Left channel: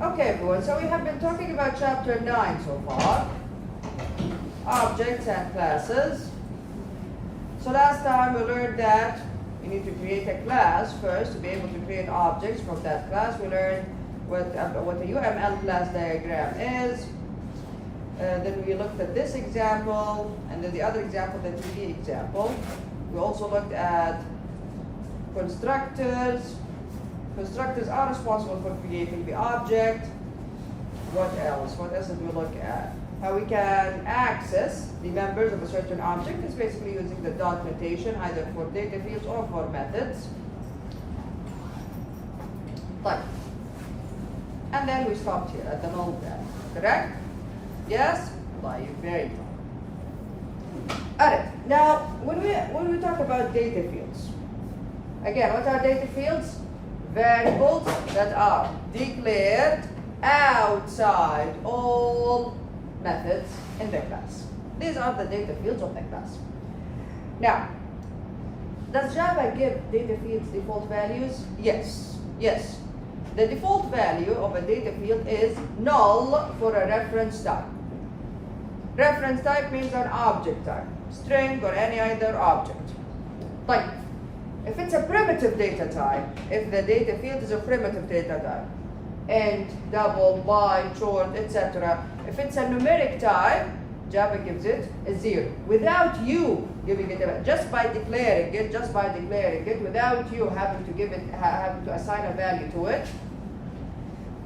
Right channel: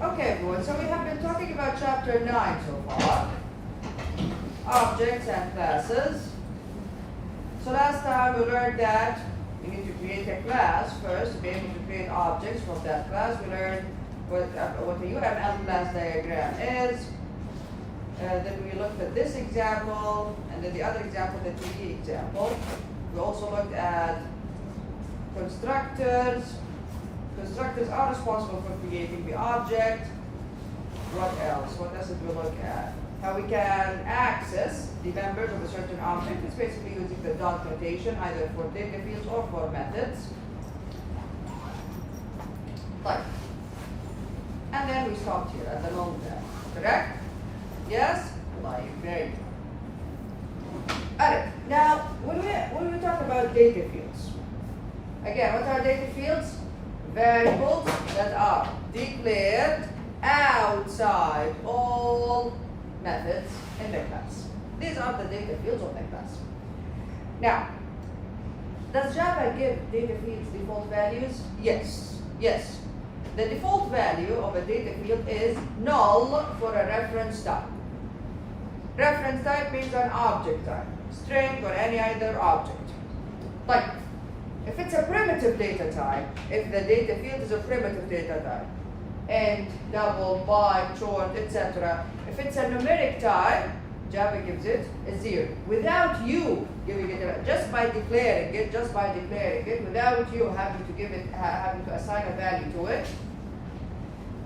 Okay, everyone, so we have been talking about chapter 9 so far. Objects and classes. So last time we learned that we need to create a class first to be able to create objects from that class. We learned what the UML class diagram is. Then we looked at this example, and then the other example, the 3D example. We also looked at constructors. Constructors are responsible for creating the object. What else? What else did we look at? How we can access the members of a certain object. It's basically using the dot notation, either for data fields or for methods. Like. And then we stopped here at the null tab. Correct? Yes? Like, very good. Alright, now when we talk about data fields, again, what are data fields? Variables that are declared outside all methods in the class. These are the data fields of the class. Now, does Java give data fields default values? Yes. Yes. The default value of a data field is null for a reference type. Reference type means an object type, string or any other object. Like, if it's a primitive data type, if the data field is a primitive data type, int, double, byte, short, etc. If it's a numeric type, Java gives it a 0. Without you giving it a, just by declaring it, without you having to give it, having to assign a value to it,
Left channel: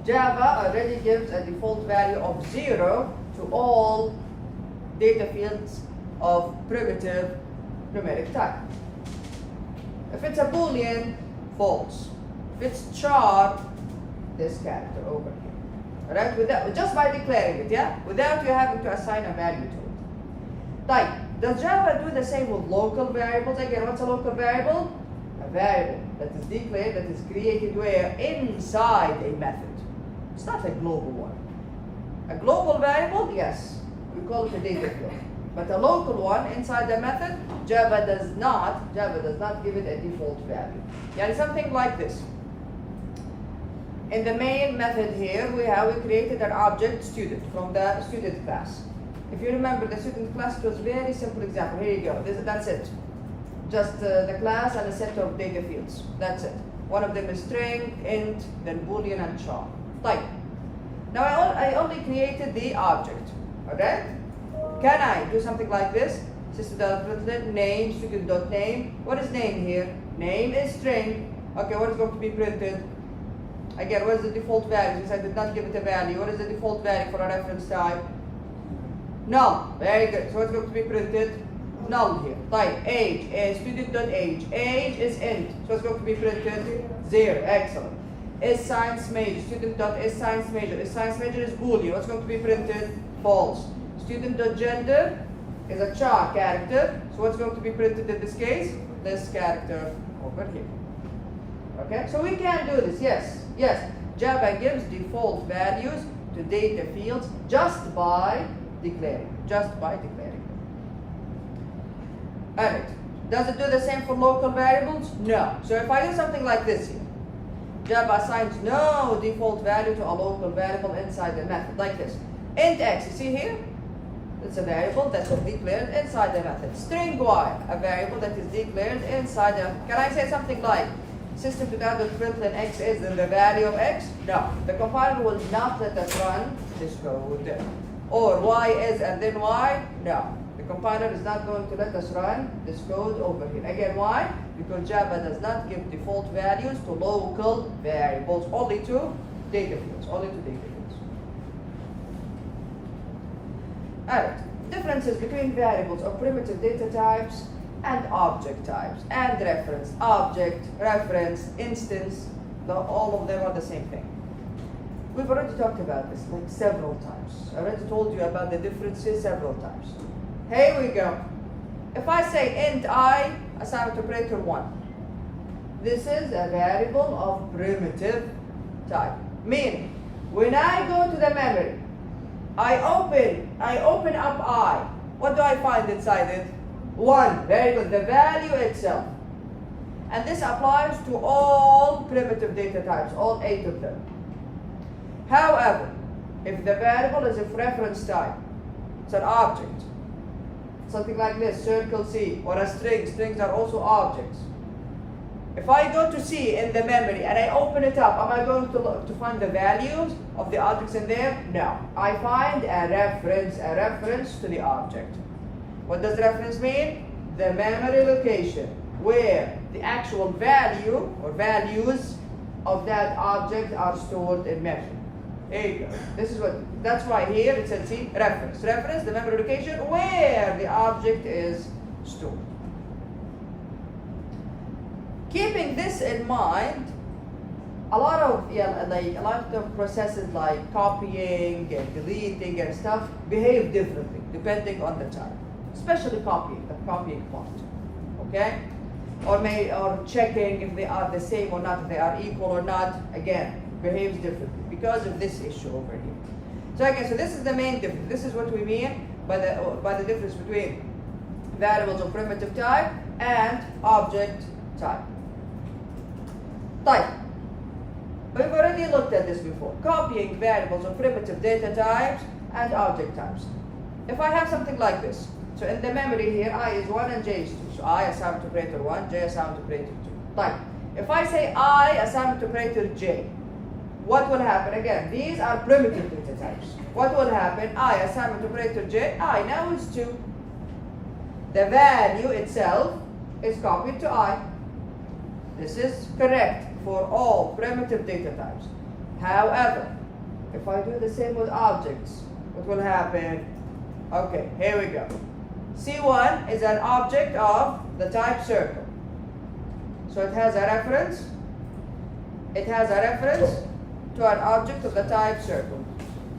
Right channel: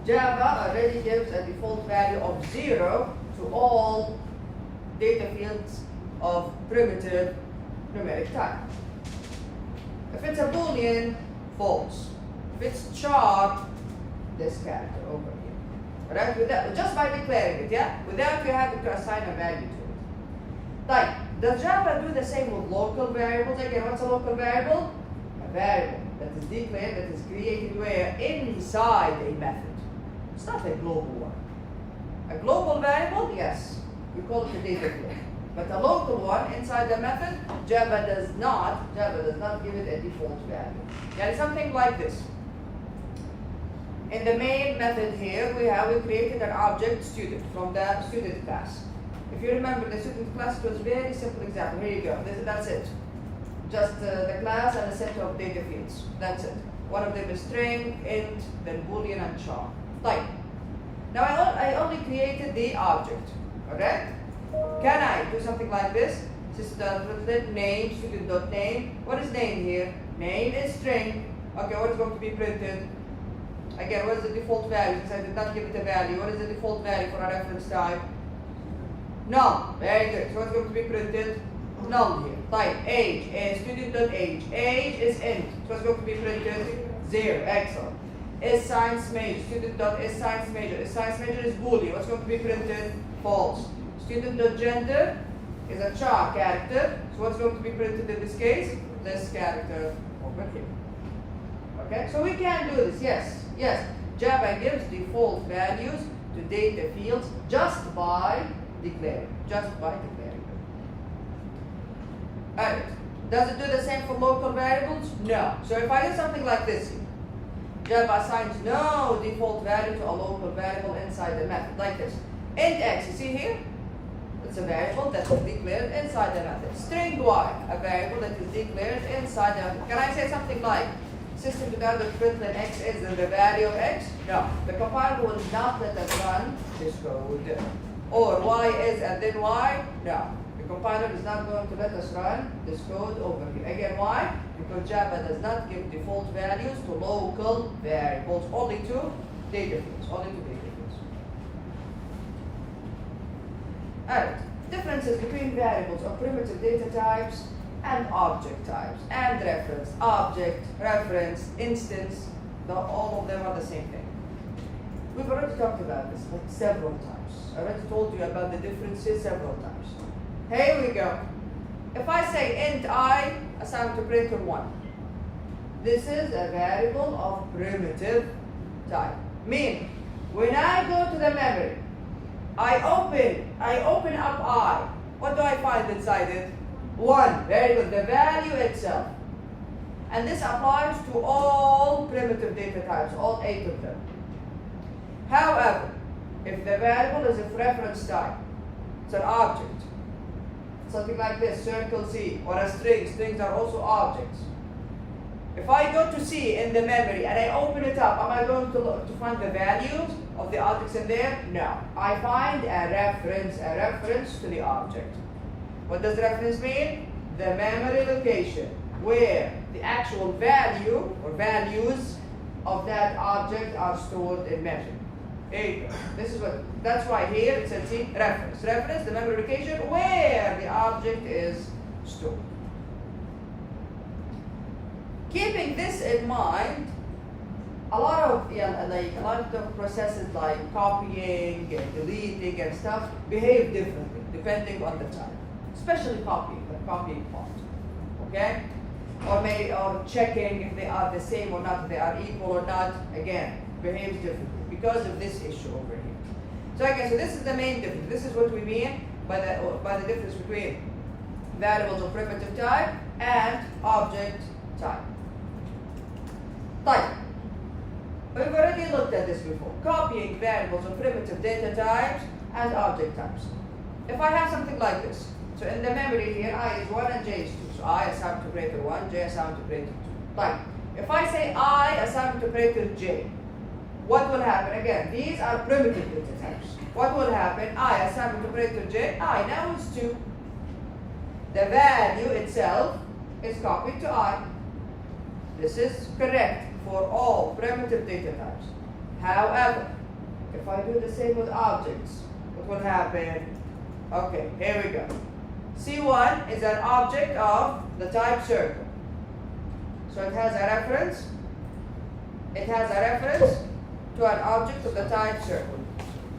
Java already gives a default value of 0 to all data fields of primitive numeric type. If it's a Boolean, false. If it's char, this character over here. Alright? Without, just by declaring it, yeah? Without you having to assign a value to it. Like, does Java do the same with local variables? Again, what's a local variable? A variable that is declared, that is created where? Inside a method. It's not a global one. A global variable, yes. We call it a data field. But a local one inside the method, Java does not give it a default value. Yeah, something like this. In the main method here, we created an object student from the student class. If you remember, the student class was a very simple example. Here you go. That's it. Just the class and a set of data fields. That's it. One of them is string, int, then Boolean, and char. Like. Now I only created the object. Okay? Can I do something like this? System.println name, student.name. What is name here? Name is string. Okay, what is going to be printed? Again, what is the default value? Since I did not give it a value, what is the default value for a reference type? Null. Very good. So what's going to be printed? Null here. Type age, student.age. Age is int. So what's going to be printed? 0. Excellent. Is science major. Student.is science major. Is science major is Boolean. What's going to be printed? False. Student.gender is a char character. So what's going to be printed in this case? This character over here. Okay, so we can do this. Yes. Java gives default values to data fields just by declaring. Alright. Does it do the same for local variables? No. So if I do something like this, Java assigns no default value to a local variable inside the method, like this. Int x, you see here? It's a variable that is declared inside the method. String y, a variable that is declared inside the method. Can I say something like system.out.println x is the value of x? No. The compiler will not let us run this code. Or y is and then y? No. The compiler is not going to let us run this code over here. Again, why? Because Java does not give default values to local variables, only to data fields. Alright, differences between variables of primitive data types and object types and reference. Object, reference, instance, all of them are the same thing. We've already talked about this like several times. I already told you about the differences several times. Here we go. If I say int I, assign it to printer 1. This is a variable of primitive type. Meaning, when I go to the memory, I open up I. What do I find inside it? 1. Very good. The value itself. And this applies to all primitive data types, all 8 of them. However, if the variable is of reference type, it's an object, something like this, circle C, or a string. Strings are also objects. If I go to C in the memory and I open it up, am I going to look to find the values of the objects in there? No. I find a reference to the object. What does reference mean? The memory location where the actual value or values of that object are stored in memory. There you go. That's why here it says C, reference. Reference, the memory location where the object is stored. Keeping this in mind, a lot of processes like copying and deleting and stuff behave differently depending on the type, especially copying, the copying part. Okay, or checking if they are the same or not, if they are equal or not. Again, behaves differently because of this issue over here. So again, so this is the main difference. This is what we mean by the difference between variables of primitive type and object type. Type. We've already looked at this before. Copying variables of primitive data types and object types. If I have something like this, so in the memory here, I is 1 and j is 2. So I assigned to operator 1, j assigned to operator 2. Type. If I say I assigned to operator j, what will happen? Again, these are primitive data types. What will happen? I assigned to operator j, I now is 2. The value itself is copied to I. This is correct for all primitive data types. However, if I do the same with objects, what will happen? Okay, here we go. C1 is an object of the type circle. So it has a reference. It has a reference to an object of the type circle.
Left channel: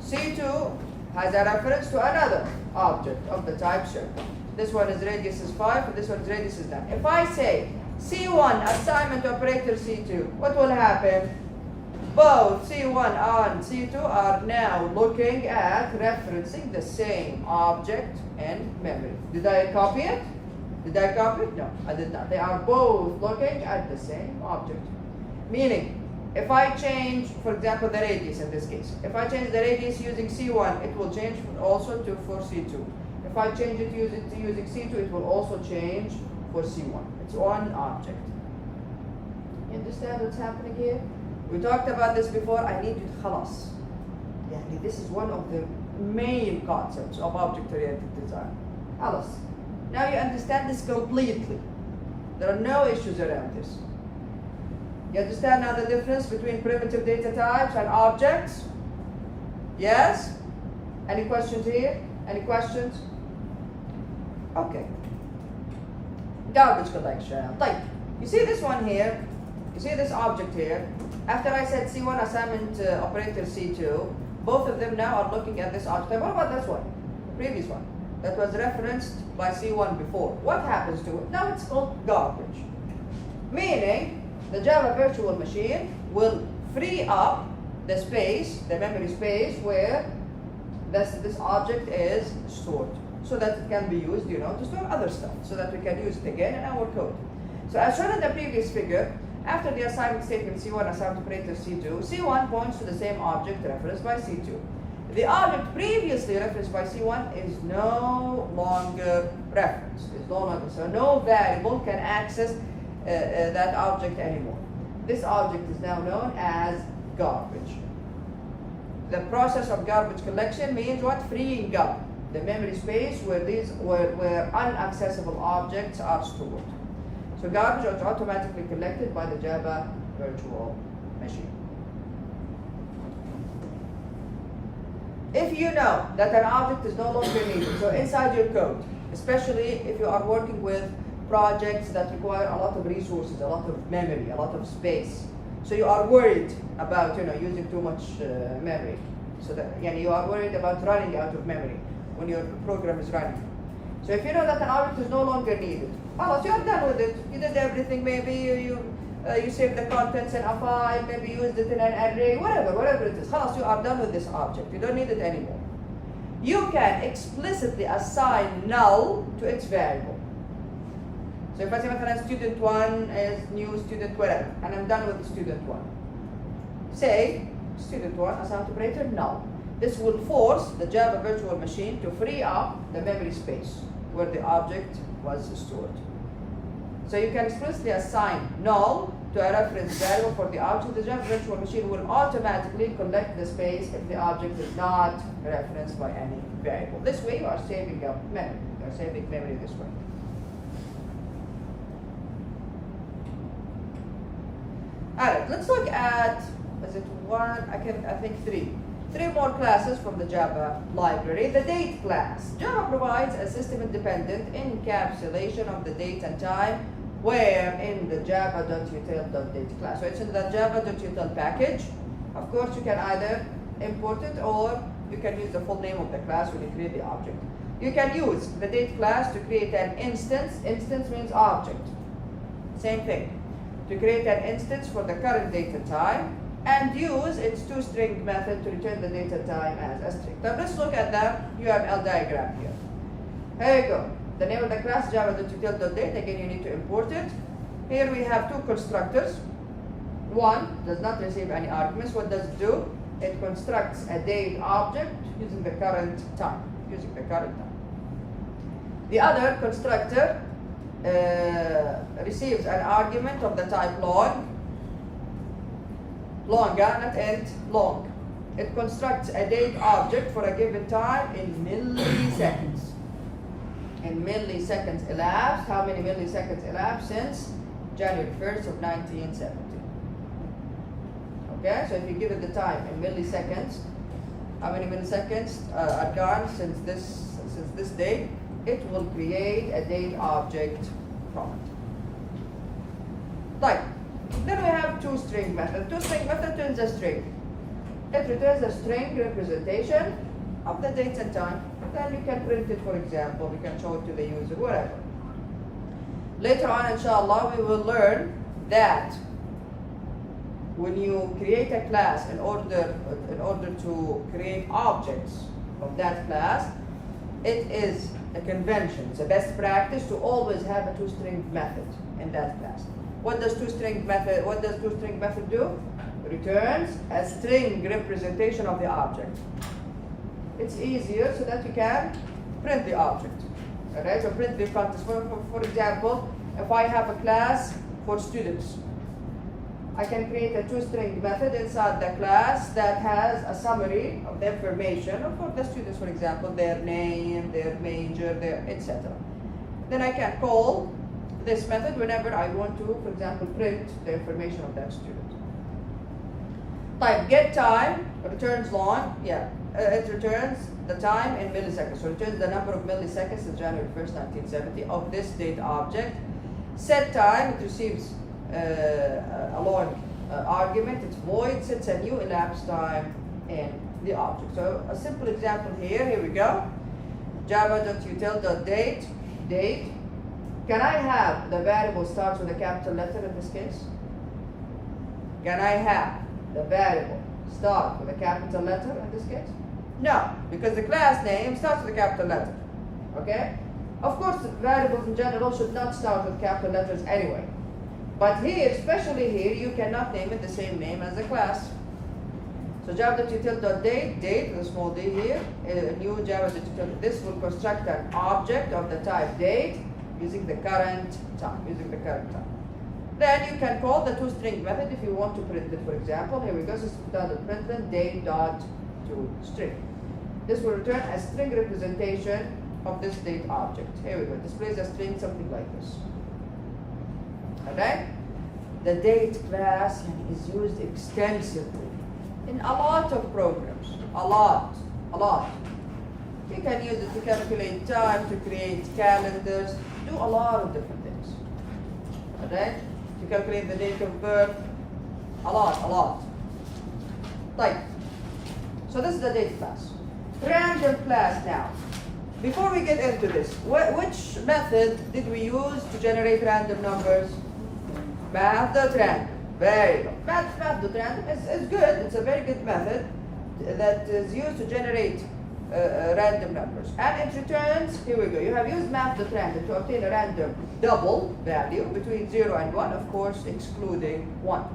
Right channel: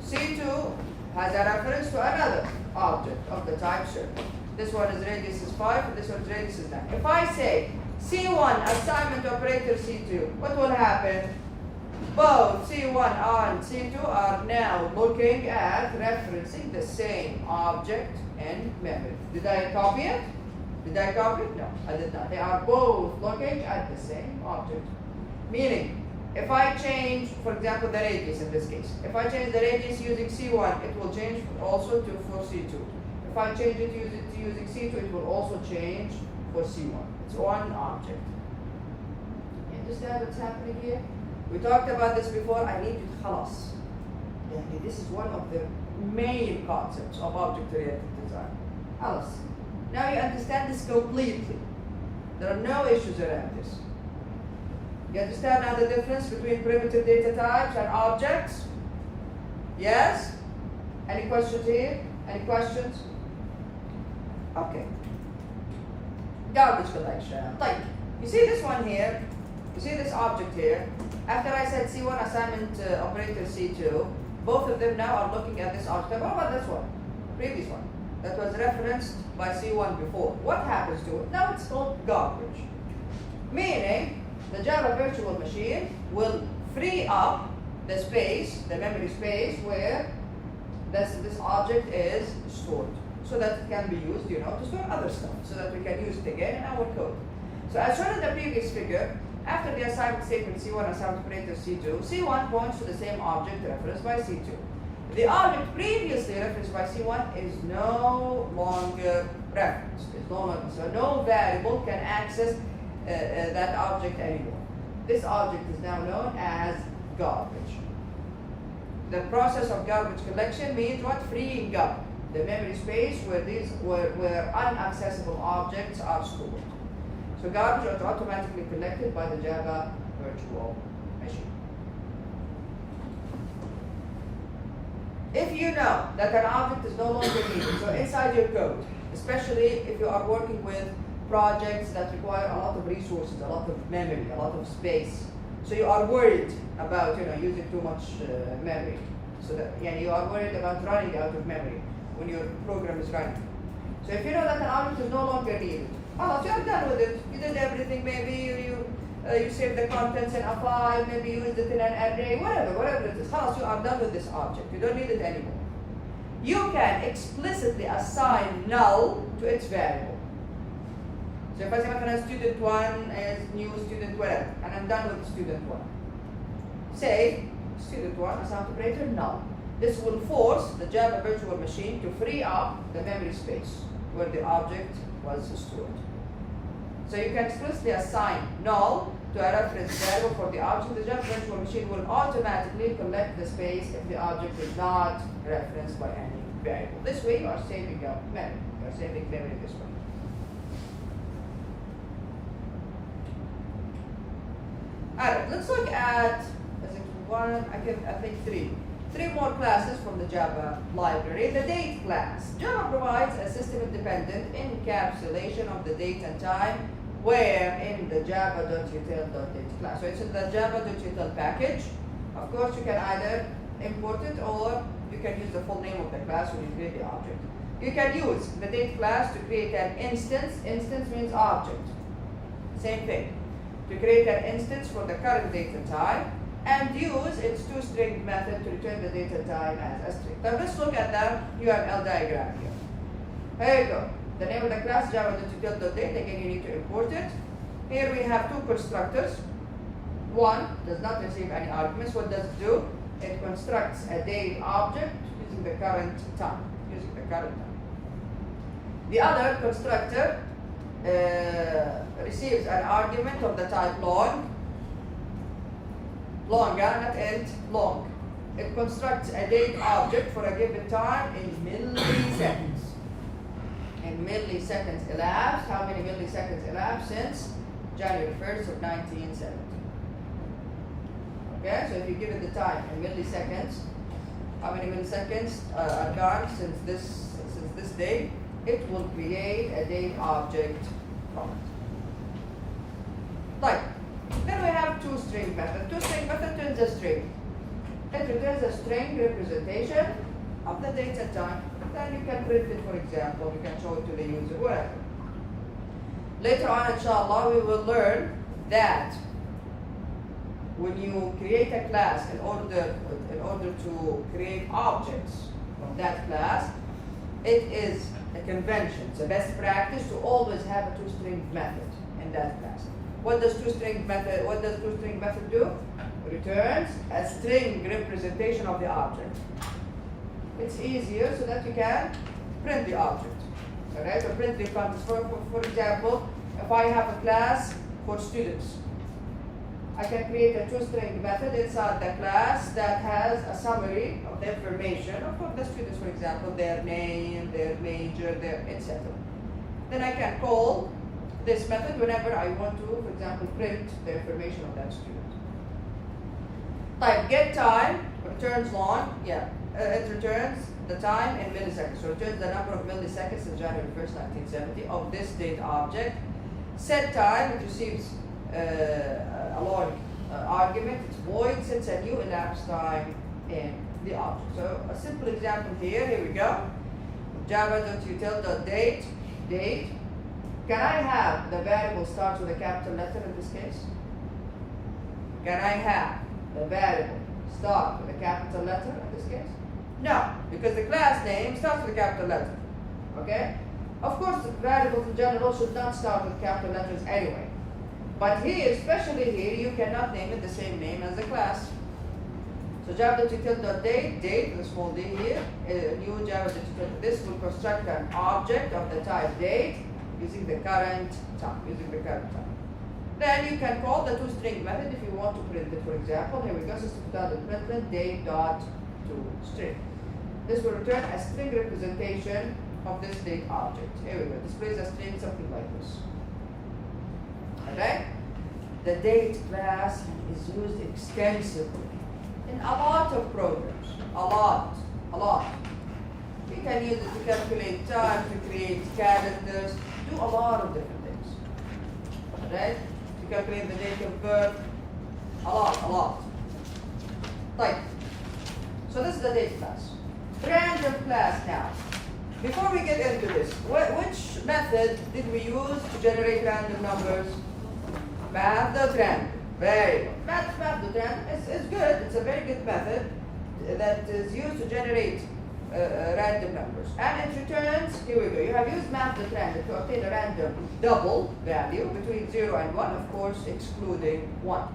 C2 has a reference to another object of the type circle. This one is radius is 5 and this one is radius is 9. If I say C1 assignment operator C2, what will happen? Both C1 and C2 are now looking at referencing the same object in memory. Did I copy it? Did I copy it? No, I did not. They are both looking at the same object. Meaning, if I change, for example, the radius in this case, if I change the radius using C1, it will change also for C2. If I change it using C2, it will also change for C1. It's one object. You understand what's happening here? We talked about this before. I need you to khalas. This is one of the main concepts of object-oriented design. Khalas. Now you understand this completely. There are no issues around this. You understand now the difference between primitive data types and objects? Yes? Any questions here? Any questions? Okay. Garbage collection. Like, you see this one here? You see this object here? After I said C1 assignment operator C2, both of them now are looking at this object. What about this one? Previous one. That was referenced by C1 before. What happens to it? Now it's called garbage. Meaning, the Java virtual machine will free up the space, the memory space, where this object is stored, so that it can be used, to store other stuff, so that we can use it again in our code. So as shown in the previous figure, after the assignment statement C1 assigned operator C2, C1 points to the same object referenced by C2. The object previously referenced by C1 is no longer referenced. So no variable can access that object anymore. This object is now known as garbage. The process of garbage collection means what? Freeing up the memory space where unaccessible objects are stored. So garbage is automatically collected by the Java virtual machine. If you know that an object is no longer needed, so inside your code, especially if you are working with projects that require a lot of resources, a lot of memory, a lot of space, so you are worried about using too much memory, so that you are worried about running out of memory when your program is running. So if you know that an object is no longer needed, you are done with it. You did everything. Maybe you saved the contents in a file, maybe used it in an array, whatever it is. You are done with this object. You don't need it anymore. You can explicitly assign null to its variable. So if I say student 1 is new student whatever, and I'm done with student 1. Say Student 1 assigned operator null. This will force the Java virtual machine to free up the memory space where the object was stored. So you can explicitly assign null to a reference variable for the object. The Java virtual machine will automatically collect the space if the object is not referenced by any variable. This way you are saving your memory. You are saving memory this way. Alright, let's look at, is it one? I think three. Three more classes from the Java library. The date class. Java provides a system-independent encapsulation of the date and time where in the java.util.date class. So it's in the java.util package. Of course, you can either import it or you can use the full name of the class when you create the object. You can use the date class to create an instance. Instance means object. Same thing. To create an instance for the current date and time, and use its toString method to return the date and time as a string. Now let's look at that UML diagram here. Here you go. The name of the class java.util.date. Again, you need to import it. Here we have two constructors. One does not receive any arguments. What does it do? It constructs a date object using the current time. The other constructor receives an argument of the type long, longa, not int, long. It constructs a date object for a given time in milliseconds. In milliseconds elapsed. How many milliseconds elapsed since January 1st of 1970? Okay, so if you give it the time in milliseconds, how many milliseconds are gone since this date? It will create a date object from it. Right. Then we have toString method. toString method turns a string. It returns a string representation of the date and time. Then you can print it, for example. You can show it to the user, whatever. Later on, inshallah, we will learn that when you create a class in order to create objects of that class, it is a convention. It's a best practice to always have a toString method in that class. What does toString method do? It returns a string representation of the object. It's easier so that you can print the object. Alright, so print the contents. For example, if I have a class for students, I can create a toString method inside the class that has a summary of the information of the students, for example, their name, their major, their etc. Then I can call this method whenever I want to, for example, print the information of that student. Type get time returns long, it returns the time in milliseconds. So it returns the number of milliseconds since January 1st, 1970 of this date object. Set time, it receives a long argument, it's void, sets a new elapsed time in the object. So a simple example here we go. Java.util.date, date. Can I have the variable starts with a capital letter in this case? Can I have the variable start with a capital letter in this case? No, because the class name starts with a capital letter. Okay? Of course, the variables in general should not start with capital letters anyway. But here, especially here, you cannot name it the same name as the class. So java.util.date, date with a small d here, new java.util. This will construct an object of the type date using the current time, Then you can call the toString method if you want to print it, for example. Here we go, system.println date.toString. This will return a string representation of this date object. Here we go, displays a string something like this. Okay? The date class is used extensively in a lot of programs. A lot. You can use it to calculate time, to create calendars, do a lot of different things. Okay? To calculate the date of birth, a lot. Right. So this is the date class. Random class now. Before we get into this, which method did we use to generate random numbers? Math.random. Very good. Math.random is good. It's a very good method that is used to generate random numbers. And it returns, here we go. You have used math.random to obtain a random double value between 0 and 1, of course, excluding 1.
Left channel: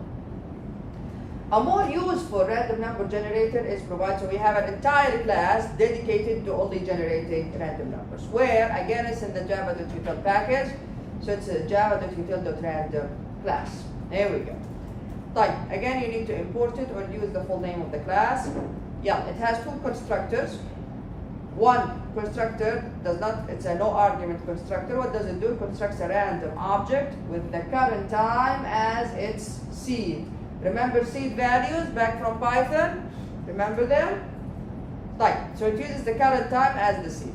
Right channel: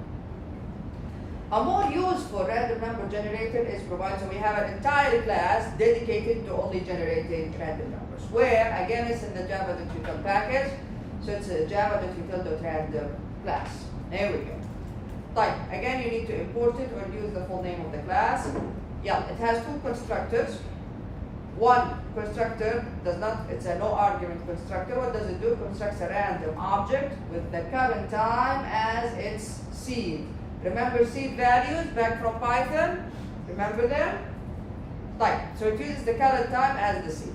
A more useful random number generator is provided, so we have an entire class dedicated to only generating random numbers, where again it's in the java.util package, so it's a java.util.random class. There we go. Type. Again, you need to import it or use the full name of the class. Yeah, it has two constructors. One constructor does not, it's a no argument constructor. What does it do? Constructs a random object with the current time as its seed. Remember seed values back from Python? Remember them? Right. So it uses the current time as the seed.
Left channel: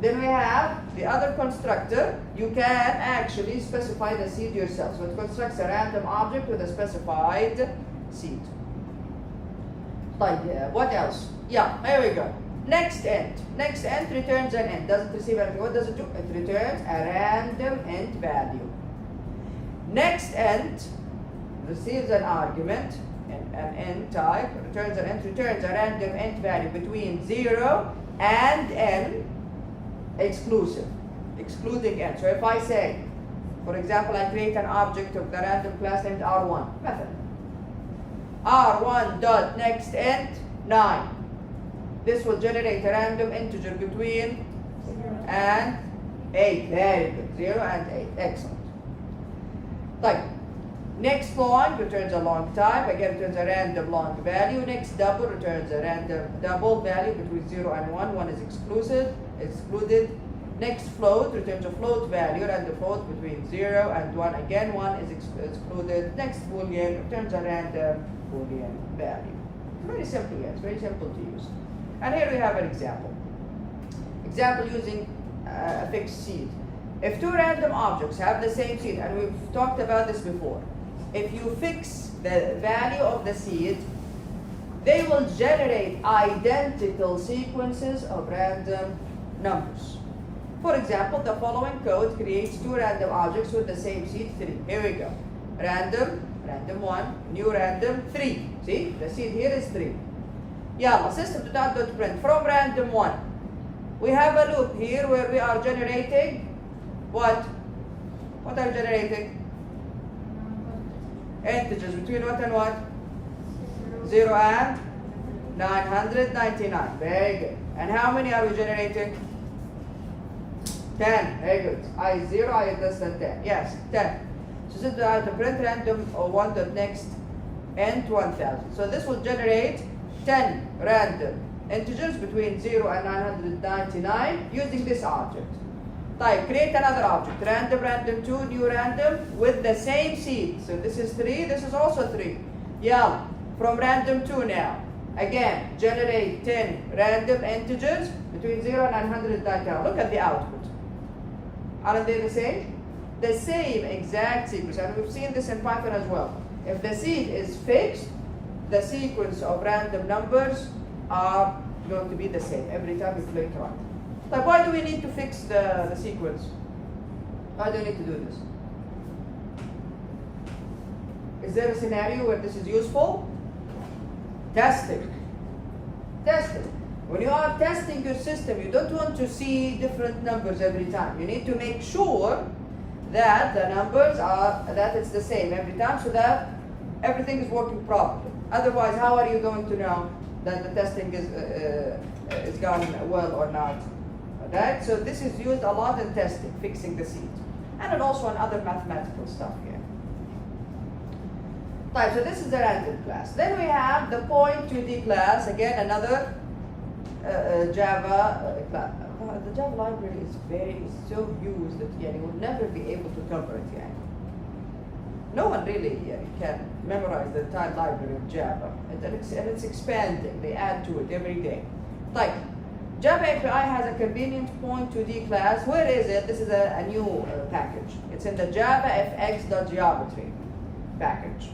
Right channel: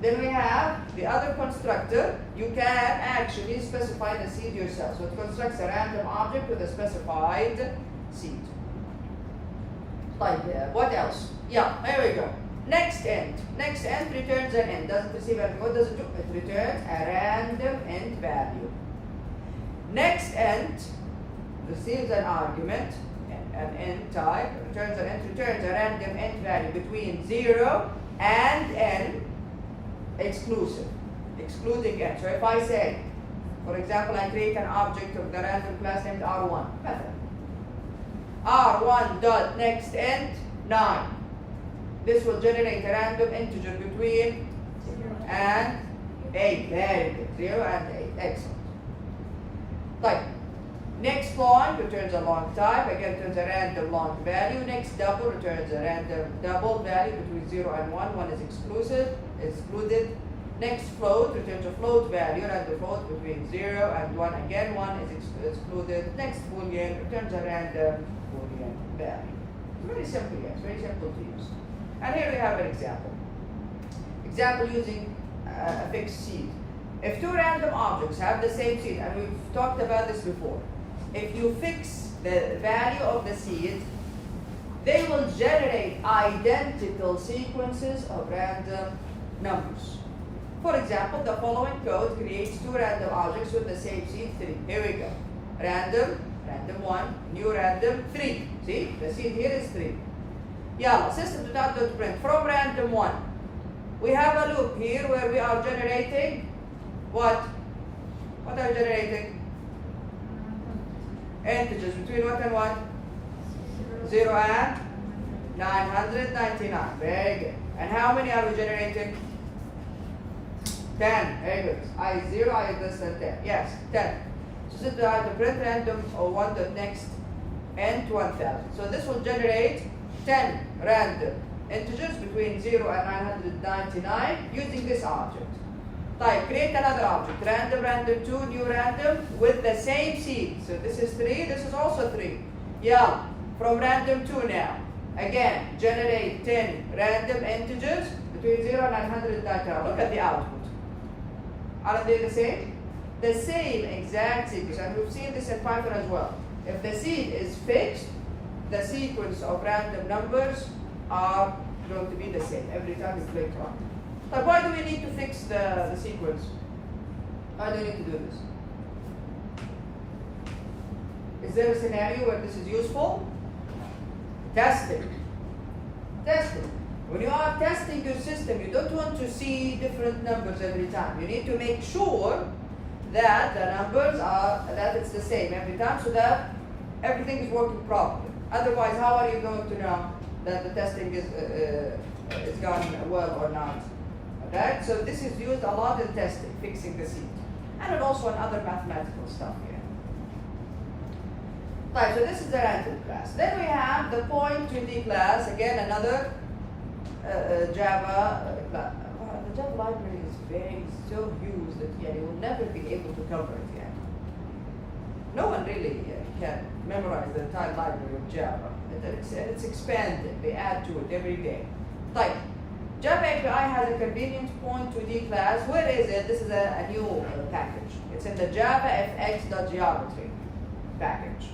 Then we have the other constructor. You can actually specify the seed yourself. So it constructs a random object with a specified seed. Like, what else? Yeah, here we go. Next int. Next int returns an int. Doesn't receive anything. What does it do? It returns a random int value. Next int receives an argument, an int type, returns a random int value between 0 and n, exclusive, excluding n. So if I say, for example, I create an object of the random class named R1, method. R1 dot next int 9. This will generate a random integer between 0 and 8. Very good. 0 and 8. Excellent. Type. Next long returns a long type. Again, returns a random long value. Next double returns a random double value between 0 and 1. 1 is excluded. Next float returns a float value, random float between 0 and 1. Again, 1 is excluded. Next boolean returns a random boolean value. It's very simple, yes, very simple to use. And here we have an example. Example using a fixed seed. If two random objects have the same seed, and we've talked about this before, if you fix the value of the seed, they will generate identical sequences of random numbers. For example, the following code creates two random objects with the same seed 3. Here we go. Random 1, new random 3. See, the seed here is 3. Yeah, system.out.print from random 1. We have a loop here where we are generating what? What are we generating? Integers between what and what? 0 and 999. Very good. And how many are we generating? 10. Very good. I is 0, I is less than 10. Yes, 10. So system.out.print random or 1 dot next int 1000. So this will generate 10 random integers between 0 and 999 using this object. Type, create another object, random 2, new random with the same seed. So this is 3, this is also 3. Yeah, from random 2 now. Again, generate 10 random integers between 0 and 999. Look at the output. Aren't they the same? The same exact sequence, and we've seen this in Python as well. If the seed is fixed, the sequence of random numbers are going to be the same every time you click on. So why do we need to fix the sequence? Why do we need to do this? Is there a scenario where this is useful? Testing. Testing. When you are testing your system, you don't want to see different numbers every time. You need to make sure that the numbers are, that it's the same every time so that everything is working properly. Otherwise, how are you going to know that the testing is gone well or not? Right? So this is used a lot in testing, fixing the seed. And also in other mathematical stuff here. Right, so this is the random class. Then we have the point2d class, again another Java class. The Java library is so used that you will never be able to cover it yet. No one really can memorize the entire library of Java. And it's expanding. They add to it every day. Like, Java API has a convenient point2d class. Where is it? This is a new package. It's in the javafx.geometry package.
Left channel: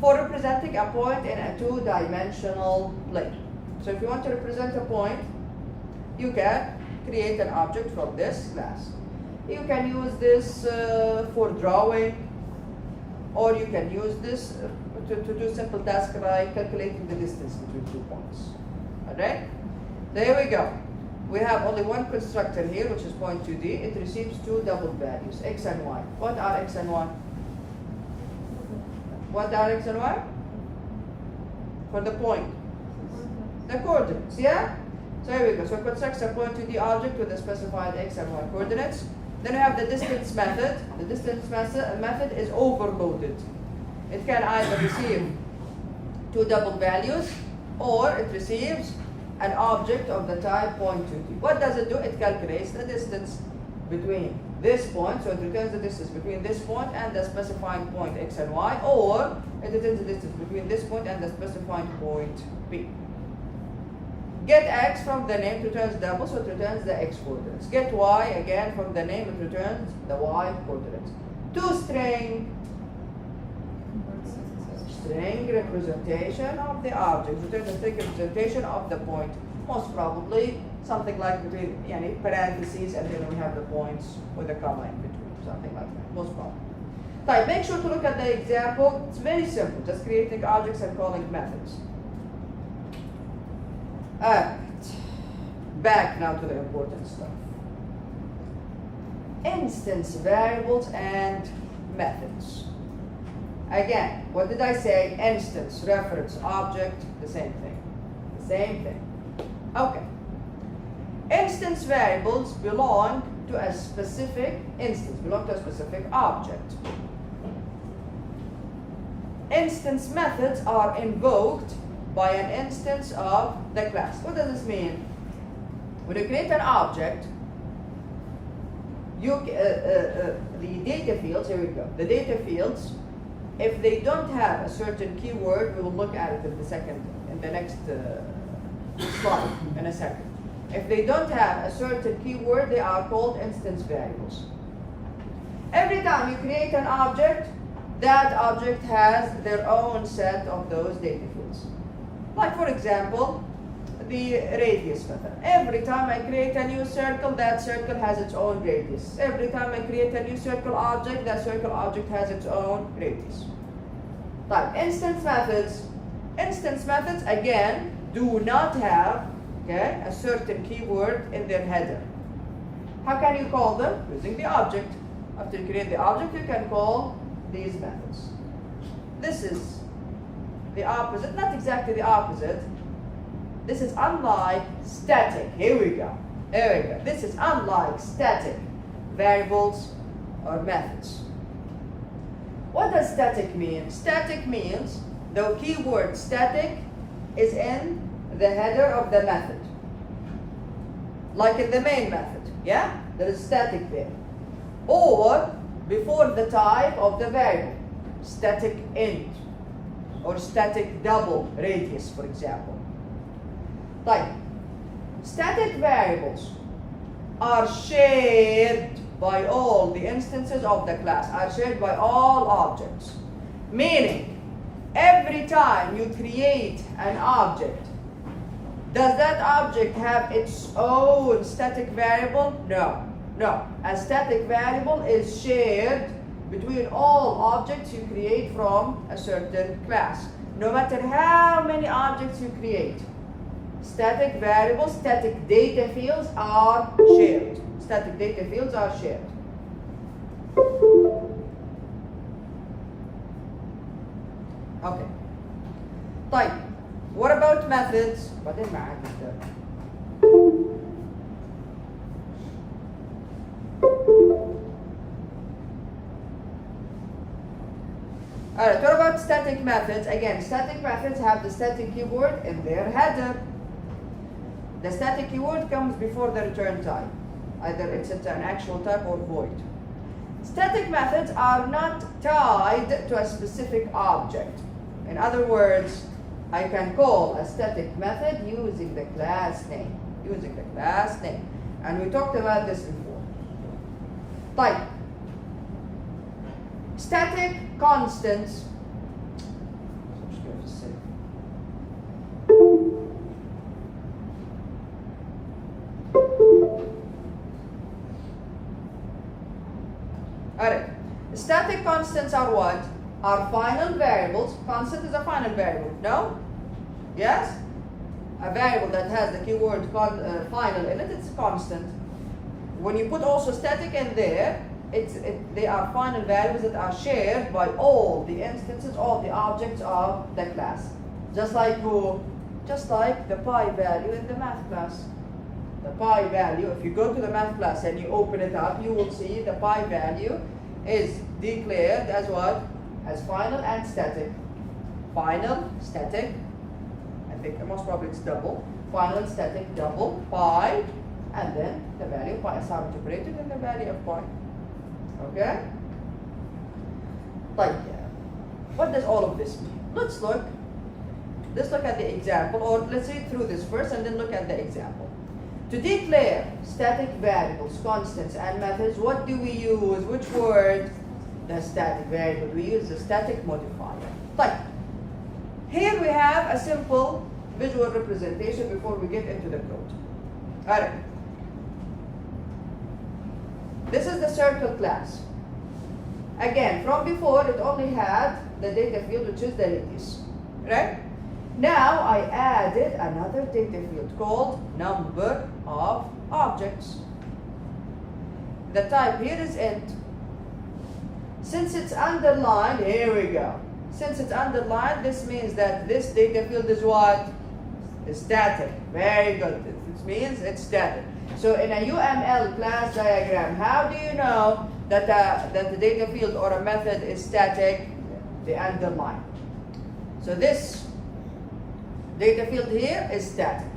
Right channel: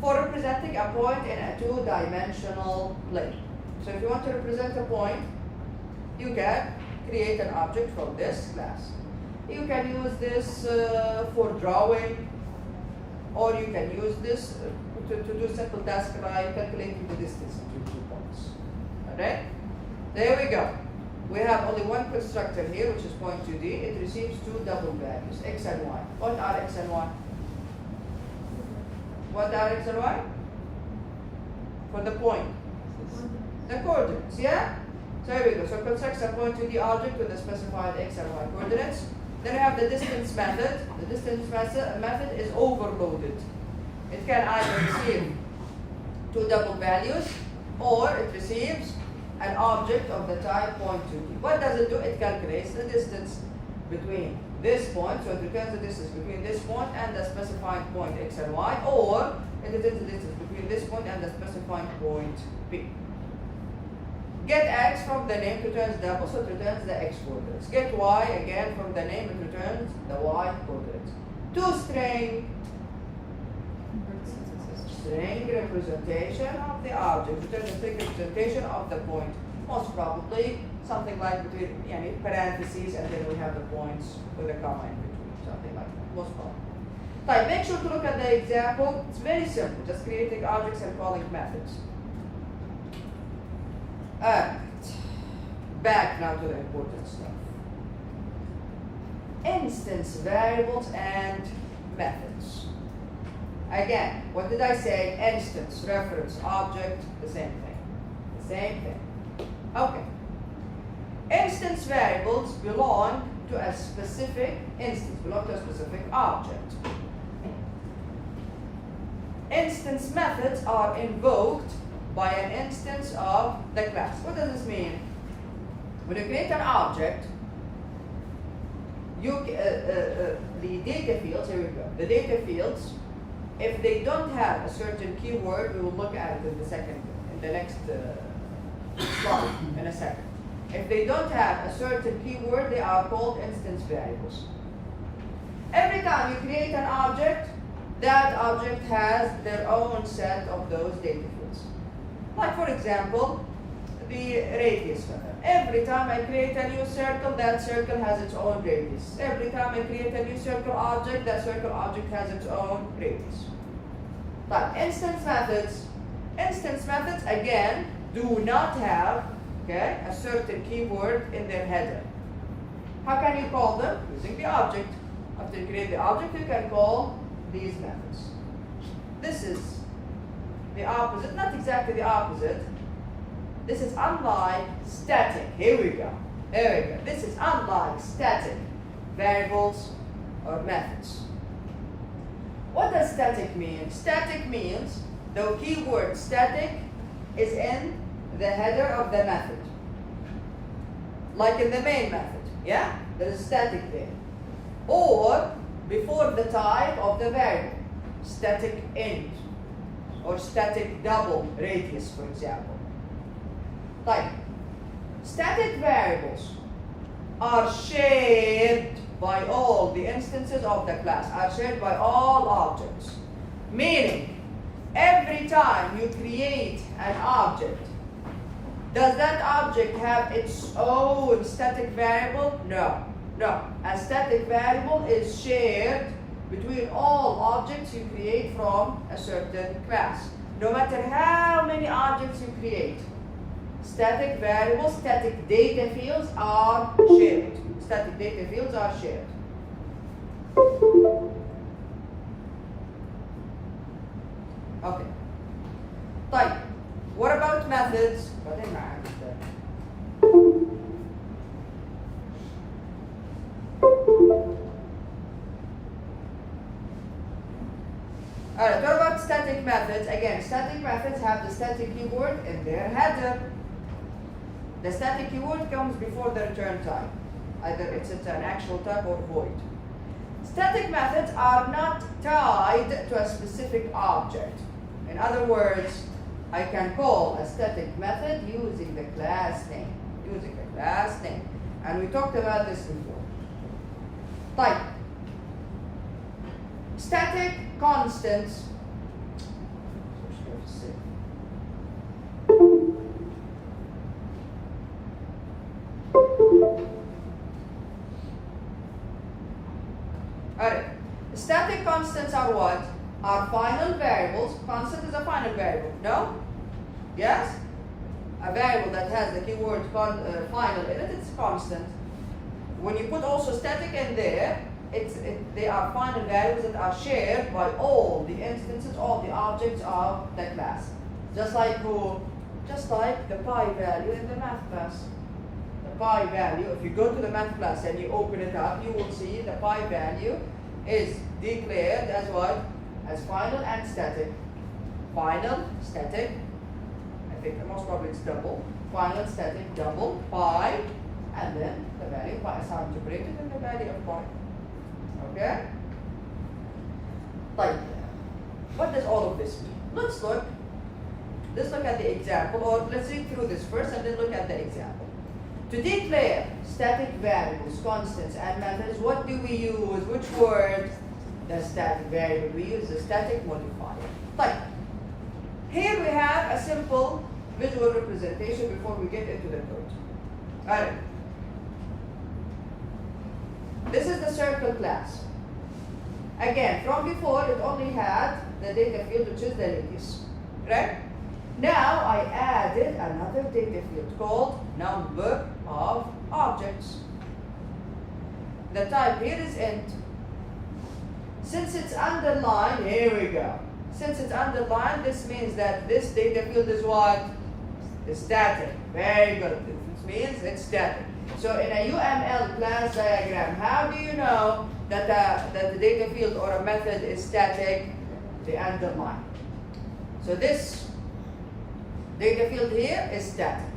For representing a point in a two-dimensional plane. So if you want to represent a point, you can create an object from this class. You can use this for drawing, or you can use this to do simple tasks like calculating the distance between 2 points. Alright? There we go. We have only one constructor here, which is point2d. It receives two double values, x and y. What are x and y? What x and y? For the point. The coordinates, yeah? So here we go. So construct a point to the object with the specified x and y coordinates. Then we have the distance method. The distance method is overloaded. It can either receive two double values or it receives an object of the type point 2d. What does it do? It calculates the distance between this point, so it returns the distance between this point and the specifying point x and y, or it returns the distance between this point and the specifying point p. Get x from the name, it returns double, so it returns the x coordinates. Get y, again from the name, it returns the y coordinates. String representation of the object, return the string representation of the point. Most probably something like between parentheses, and then we have the points with a comma in between, something like that. Most probably. Right, make sure to look at the example. It's very simple, just creating objects and calling methods. Alright, back now to the important stuff. Instance variables and methods. Again, what did I say? Instance, reference, object, the same thing. The same thing. Okay. Instance variables belong to a specific instance, belong to a specific object. Instance methods are invoked by an instance of the class. What does this mean? When you create an object, the data fields, here we go, the data fields, if they don't have a certain keyword, we will look at it in the next slide in a second. If they don't have a certain keyword, they are called instance variables. Every time you create an object, that object has their own set of those data fields. Like for example, the radius method. Every time I create a new circle, that circle has its own radius. Every time I create a new circle object, that circle object has its own radius. Like instance methods again do not have a certain keyword in their header. How can you call them? Using the object. After you create the object, you can call these methods. This is the opposite, not exactly the opposite. This is unlike static. Here we go. There we go. This is unlike static variables or methods. What does static mean? Static means the keyword static is in the header of the method. Like in the main method, yeah? There is static there. Or before the type of the variable. Static int or static double radius, for example. Like, static variables are shared by all the instances of the class, are shared by all objects. Meaning, every time you create an object, does that object have its own static variable? No. No. A static variable is shared between all objects you create from a certain class. No matter how many objects you create, static variables, static data fields are shared. Static data fields are shared. Okay. طيب. What about methods? بعدين معاك Alright, what about static methods? Again, static methods have the static keyword in their header. The static keyword comes before the return type. Either it's an actual type or void. Static methods are not tied to a specific object. In other words, I can call a static method using the class name. Using the class name. And we talked about this before. Like, static constants. Alright. Static constants are what? Are final variables. Constant is a final variable. No? Yes? A variable that has the keyword final in it, it's constant. When you put also static in there, they are final values that are shared by all the instances, all the objects of the class. Just like the pi value in the math class. The pi value, if you go to the math class and you open it up, you will see the pi value is declared as what? As final and static. Final, static, I think most probably it's double. Final, static, double, pi, and then the value of pi is integrated and the value of pi. Okay? Like, what does all of this mean? Let's look at the example, or let's read through this first and then look at the example. To declare static variables, constants, and methods, what do we use? Which word? The static variable. We use the static modifier. Like, here we have a simple visual representation before we get into the code. Alright. This is the circle class. Again, from before it only had the data field, which is the radius. Right? Now I added another data field called number of objects. The type here is int. Since it's underlined, here we go. Since it's underlined, this means that this data field is what? Is static. Very good. This means it's static. So in a UML class diagram, how do you know that the data field or a method is static? The underline. So this data field here is static.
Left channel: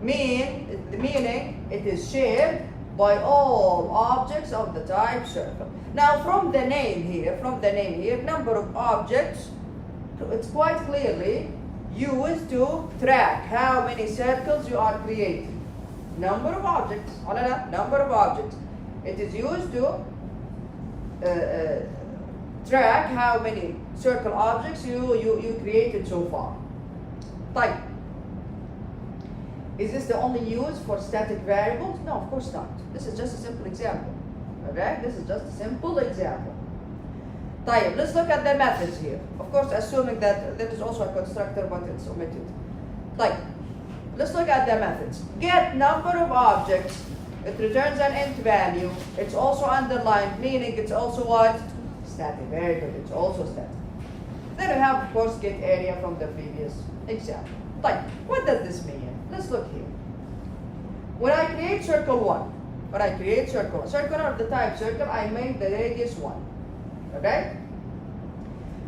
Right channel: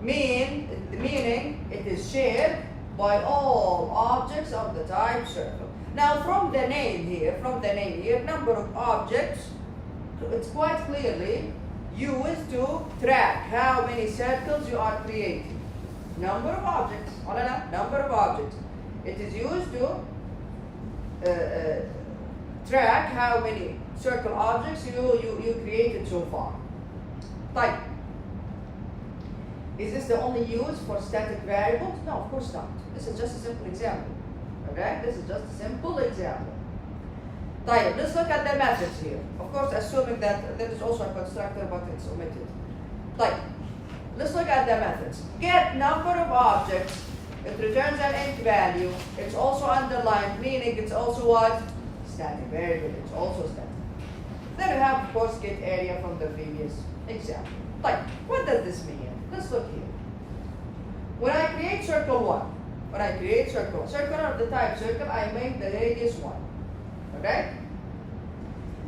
Meaning it is shared by all objects of the type circle. Now from the name here, number of objects, it's quite clearly used to track how many circles you are creating. Number of objects, number of objects. It is used to track how many circle objects you created so far. Type. Is this the only use for static variables? No, of course not. This is just a simple example. Okay? This is just a simple example. Type. Let's look at the methods here. Of course, assuming that there is also a constructor, but it's omitted. Type. Let's look at the methods. Get number of objects. It returns an int value. It's also underlined, meaning it's also what? Static. Very good. It's also static. Then we have, of course, get area from the previous example. Like, what does this mean? Let's look here. When I create circle 1, circle of the type circle, I make the radius 1. Okay?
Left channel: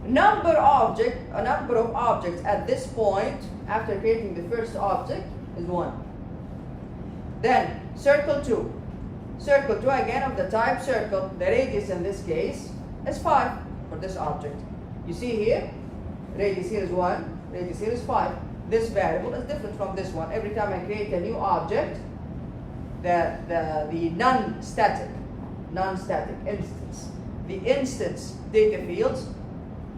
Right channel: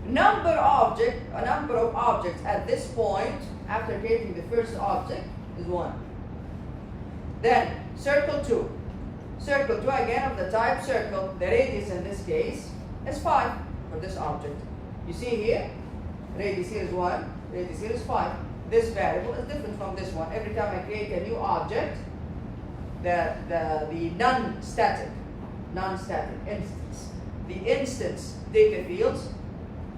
A number of objects at this point, after creating the first object, is 1. Then, circle 2. Circle 2 again of the type circle, the radius in this case is 5 for this object. You see here, radius here is 1, radius here is 5. This variable is different from this one. Every time I create a new object, the non-static instance, the instance data fields,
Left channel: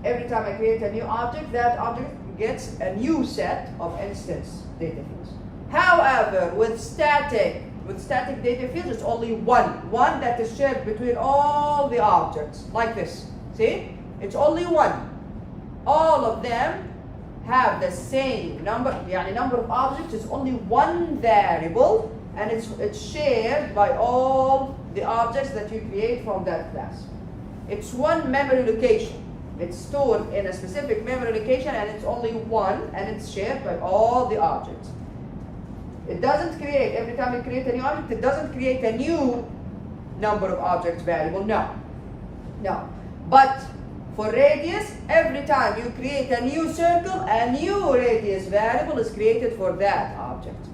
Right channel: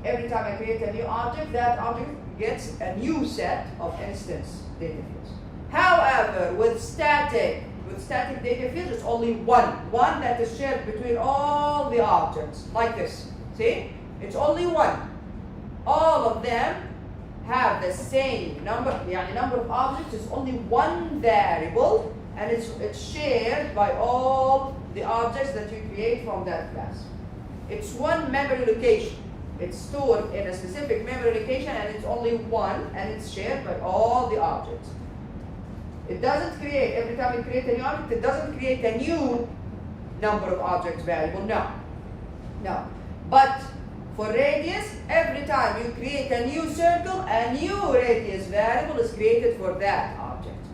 every time I create a new object, that object gets a new set of instance data fields. However, with static data fields, it's only one that is shared between all the objects, like this. See? It's only one. All of them have the same number. The number of objects is only one variable, and it's shared by all the objects that you create from that class. It's one memory location. It's stored in a specific memory location, and it's only one, and it's shared by all the objects. It doesn't create, every time you create a new object, it doesn't create a new number of objects variable. No. But for radius, every time you create a new circle, a new radius variable is created for that object.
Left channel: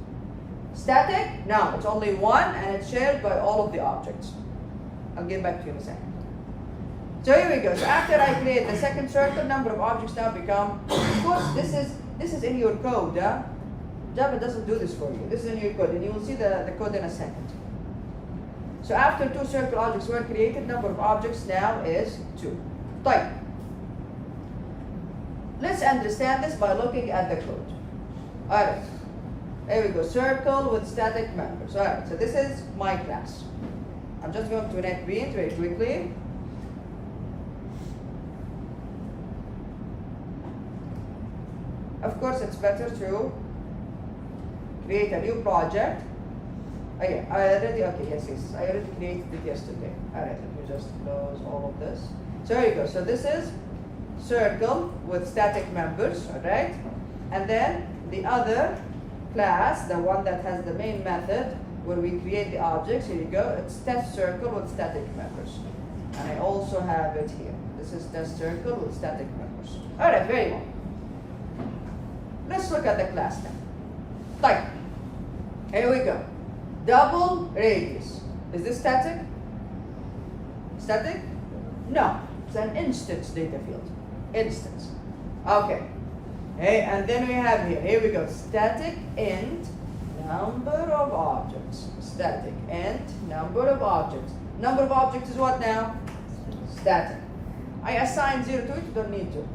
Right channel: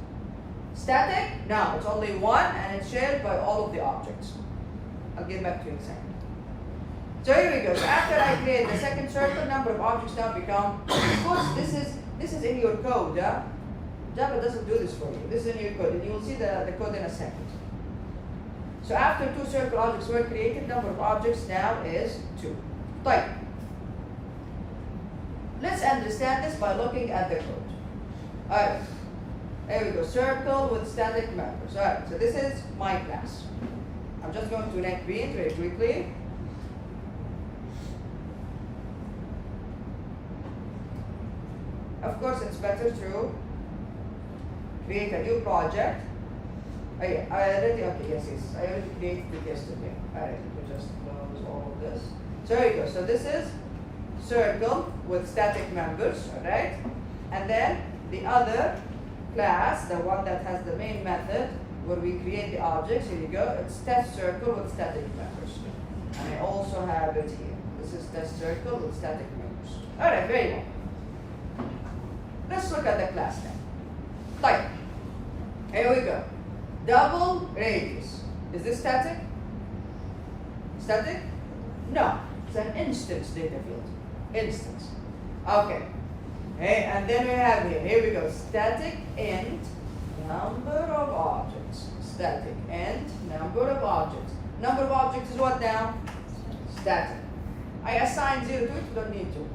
Static? No, it's only one, and it's shared by all of the objects. I'll get back to you in a second. So here we go. So after I create the second circle, number of objects now become, of course, this is in your code. Java doesn't do this for you. This is in your code, and you will see the code in a second. So after 2 circle objects were created, number of objects now is 2. Type. Let's understand this by looking at the code. Alright. There we go. Circle with static members. Alright, so this is my class. I'm just going to NetBeans very quickly. Of course, it's better to create a new project. I already created it yesterday. Alright. me just close all of this. So here you go. So this is circle with static members, alright? And then the other class, the one that has the main method where we create the objects, here you go, it's test circle with static members. And I also have it here. This is test circle with static members. Alright, very good. Let's look at the class now. Like, here we go. Double radius. Is this static? Static? No. It's an instance data field. Instance. Okay. Hey, and then we have here we go. Static int number of objects. Static int number of objects. Number of objects is what now? Static. I assign 0 to it, you don't need to.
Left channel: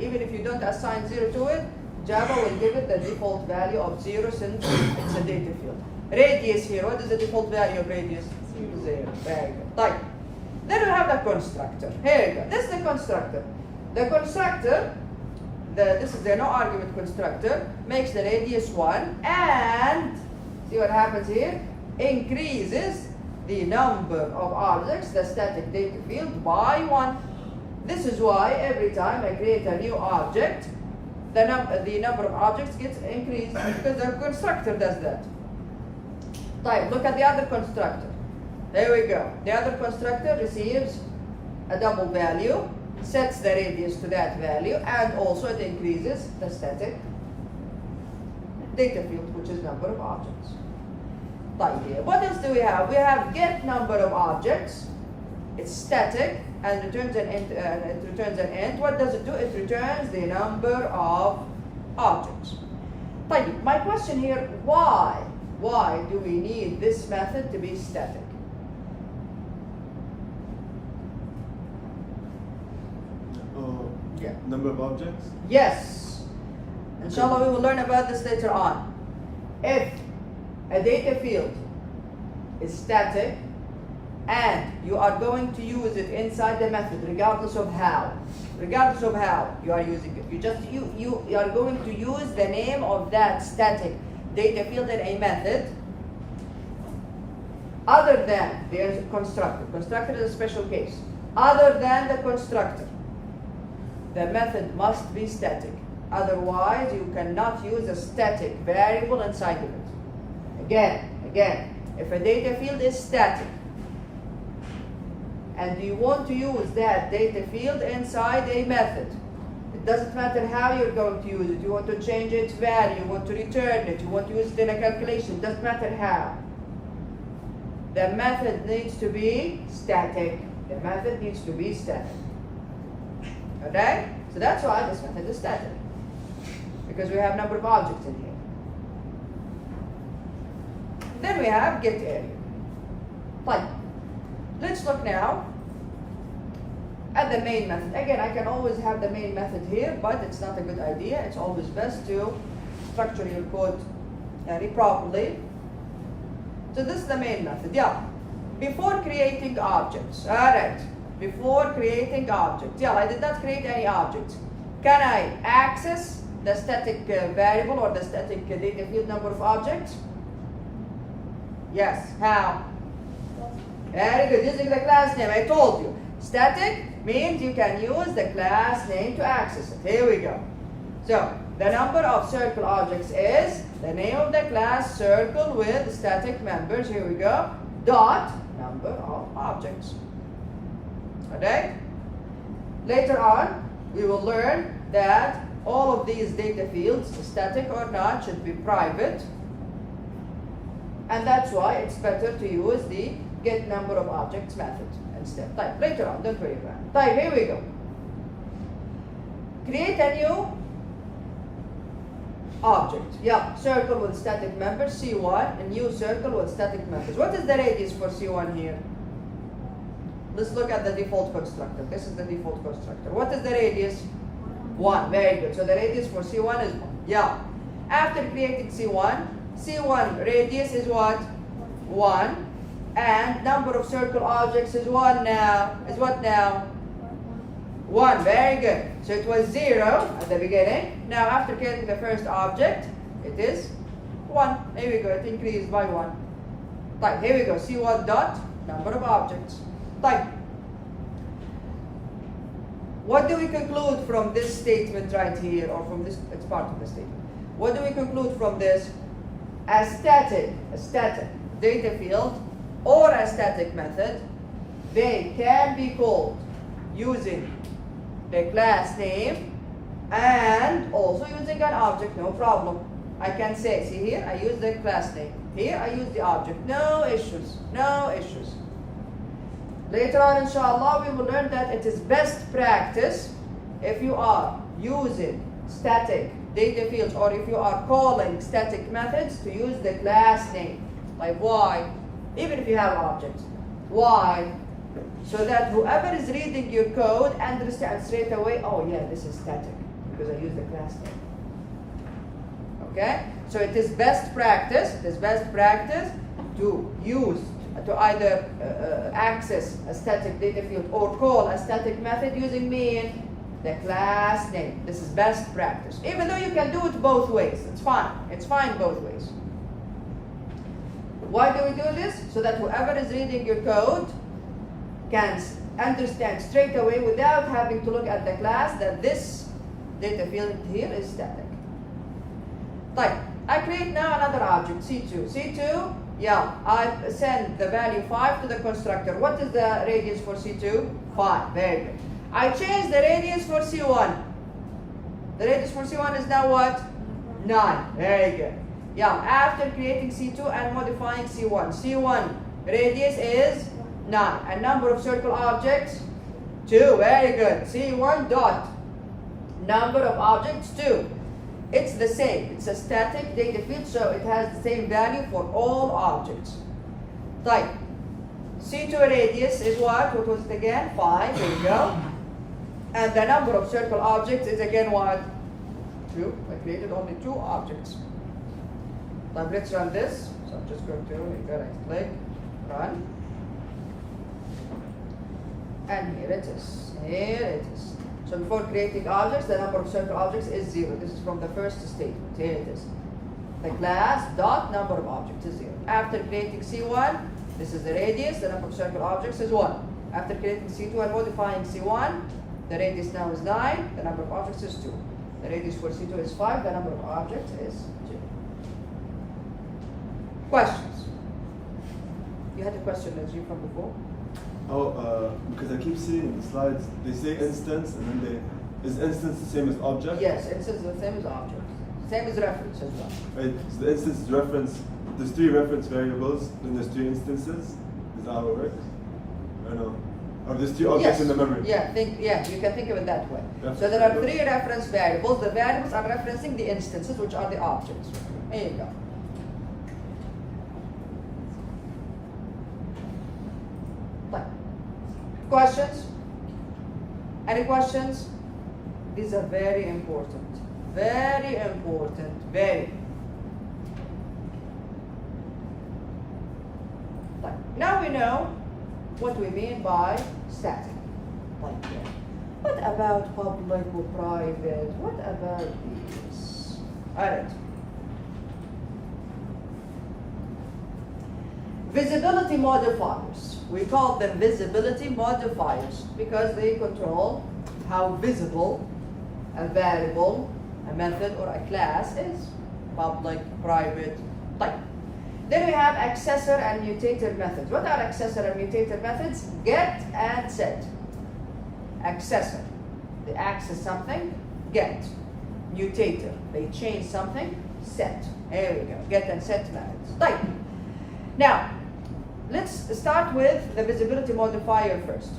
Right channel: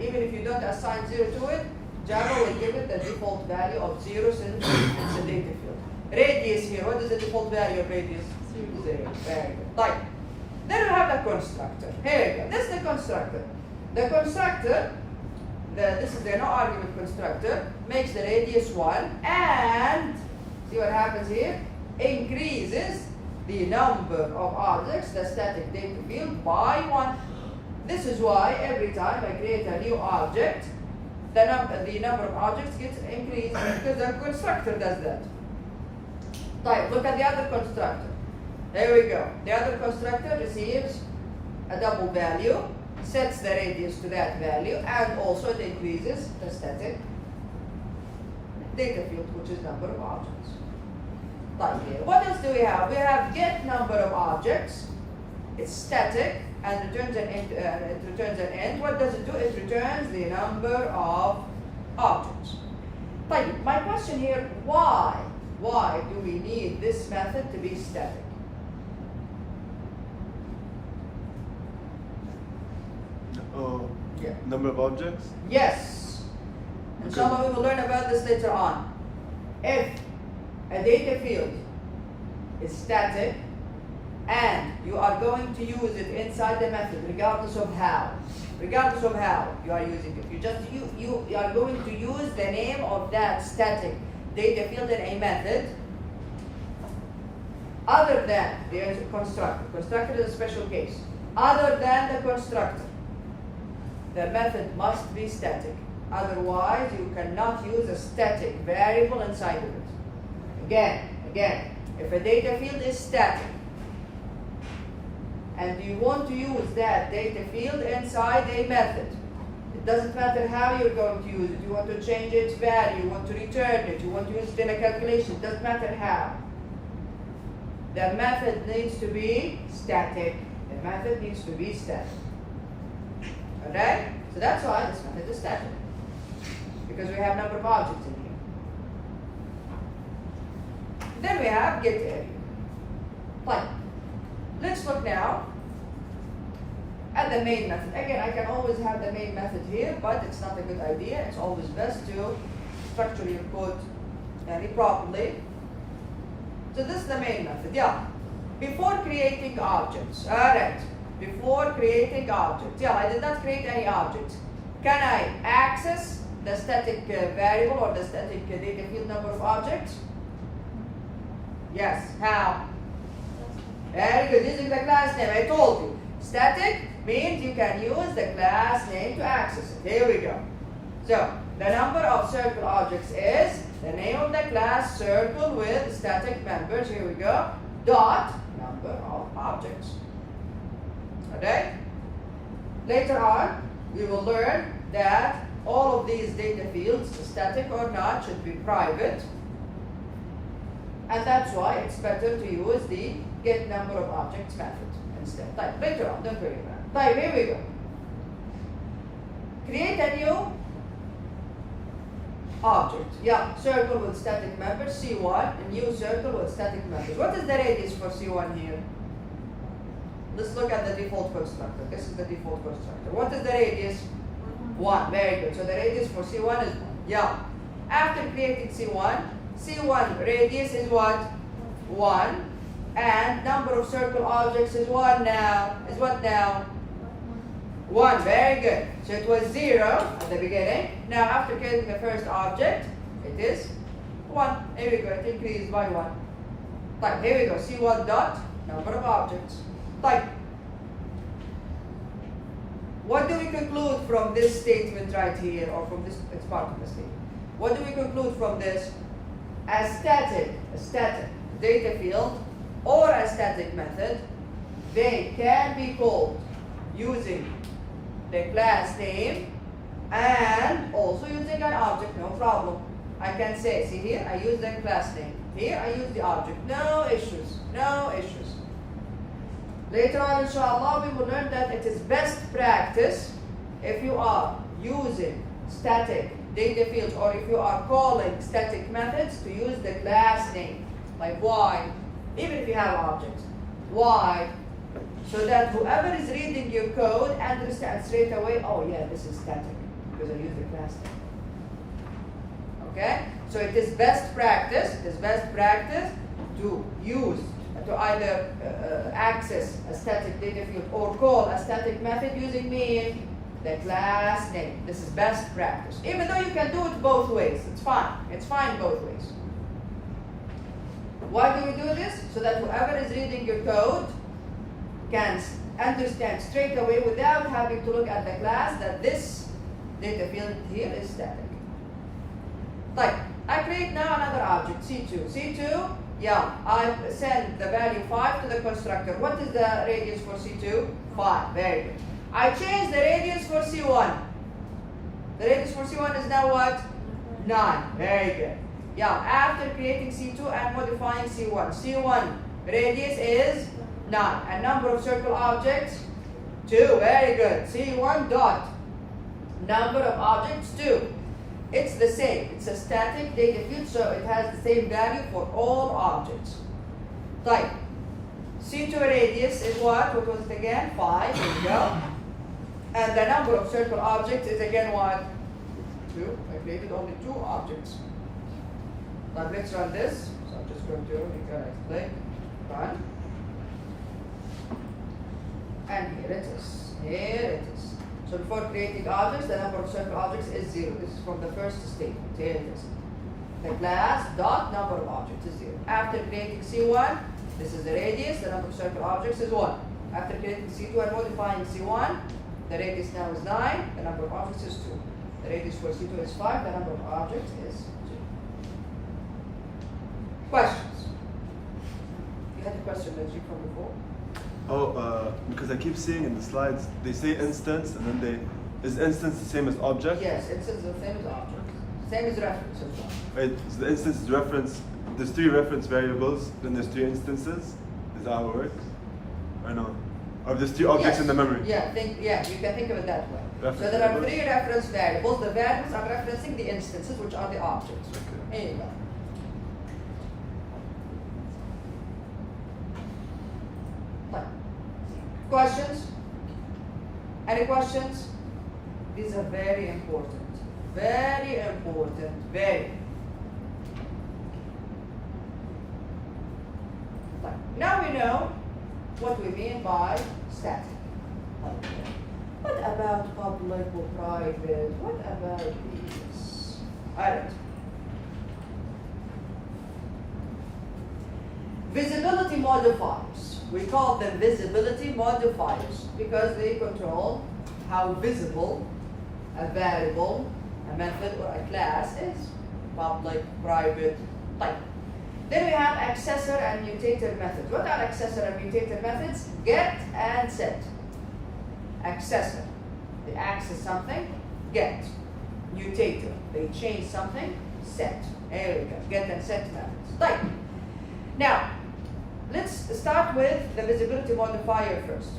Even if you don't assign 0 to it, Java will give it the default value of 0 since it's a data field. Radius here, what is the default value of radius? 0. Very good. Like, then we have the constructor. Here we go. This is the constructor. The constructor, this is the no argument constructor, makes the radius 1 and, see what happens here? Increases the number of objects, the static data field, by 1. This is why every time I create a new object, the number of objects gets increased because the constructor does that. Right, look at the other constructor. There we go. The other constructor receives a double value, sets the radius to that value, and also it increases the static data field, which is number of objects. Right here. What else do we have? We have get number of objects. It's static and returns an int. It returns an int. What does it do? It returns the number of objects. Right. My question here: why? Why do we need this method to be static? Yeah. Number of objects? Yes. Inshallah, we will learn about this later on. If a data field is static and you are going to use it inside the method, regardless of how you are using it, you are going to use the name of that static data field in a method other than the constructor. Constructor is a special case. Other than the constructor, the method must be static. Otherwise, you cannot use a static variable inside of it. Again, if a data field is static and you want to use that data field inside a method, it doesn't matter how you're going to use it. You want to change its value, you want to return it, you want to use it in a calculation, it doesn't matter how. The method needs to be static. The method needs to be static. Okay? So that's why this method is static. Because we have number of objects in here. Then we have get area. Fine. Let's look now at the main method. Again, I can always have the main method here, but it's not a good idea. It's always best to structure your code very properly. So this is the main method. Yeah. Before creating objects. Alright. Before creating objects. Yeah, I did not create any objects. Can I access the static variable or the static data field number of objects? Yes. How? Very good. Using the class name. I told you. Static means you can use the class name to access it. Here we go. So, the number of circle objects is the name of the class circle with static members. Here we go. Dot number of objects. Okay? Later on, we will learn that all of these data fields, static or not, should be private. And that's why it's better to use the get number of objects method instead. Later on, don't worry about it. Here we go. Create a new object. Yeah, circle with static members, C1, a new circle with static members. What is the radius for C1 here? Let's look at the default constructor. This is the default constructor. What is the radius? 1. Very good. So the radius for C1 is 1. Yeah. After creating C1 radius is what? 1. And number of circle objects is what now? 1. Very good. So it was 0 at the beginning. Now after creating the first object, it is 1. Here we go. It increased by 1. Here we go. C1 dot number of objects. what do we conclude from this statement right here, or from this, it's part of the statement. What do we conclude from this? A static data field or a static method, they can be called using the class name and also using an object, no problem. I can say, see here, I use the class name. Here, I use the object. No issues, no issues. Later on, inshallah, we will learn that it is best practice if you are using static data fields or if you are calling static methods to use the class name. Like why? Even if you have objects. Why? So that whoever is reading your code understands straight away, oh yeah, this is static because I use the class name. Okay? So it is best practice, to use, to either access a static data field or call a static method using the class name. This is best practice. Even though you can do it both ways, it's fine. It's fine both ways. Why do we do this? So that whoever is reading your code can understand straight away without having to look at the class that this data field here is static. Like, I create now another object, C2. C2, yeah, I send the value 5 to the constructor. What is the radius for C2? 5, very good. I change the radius for C1. The radius for C1 is now what? 9, very good. Yeah, after creating C2 and modifying C1. C1 radius is 9. And number of circle objects? 2, very good. C1 dot. Number of objects? 2. It's the same. It's a static data field, so it has the same value for all objects. Like, C2 radius is what? What was it again? 5, there we go. And the number of circle objects is again what? 2. I created only 2 objects. Now let's run this. So I'm just going to click, run. And here it is. Here it is. So before creating objects, the number of circle objects is 0. This is from the first statement. Here it is. The class dot number of objects is 0. After creating C1, this is the radius, the number of circle objects is 1. After creating C2 and modifying C1, the radius now is 9, the number of objects is 2. The radius for C2 is 5, the number of objects is 2. Questions? You had a question, Najib, from before? Oh, because I keep seeing in the slides, they say instance, and then is instance the same as object? Yes, instance is the same as object. Same as reference as well. Right, so the instance is reference, there's 3 reference variables, then there's 3 instances. Is that how it works? I know. Or there's 3 objects in the memory? Yeah, you can think of it that way. Reference so there are 3 variables. reference variables. The variables are referencing the instances, which are the objects. There you go. Questions? Any questions? These are very important. Very important. Very. Now we know what we mean by static. What about public or private? What about these? Alright. Visibility modifiers. We call them visibility modifiers because they control how visible a variable, a method, or a class is. Public, private, type. Then we have accessor and mutator methods. What are accessor and mutator methods? Get and set. Accessor, they access something. Get. Mutator, they change something. Set. There we go. Get and set methods. Type. Now, let's start with the visibility modifier first.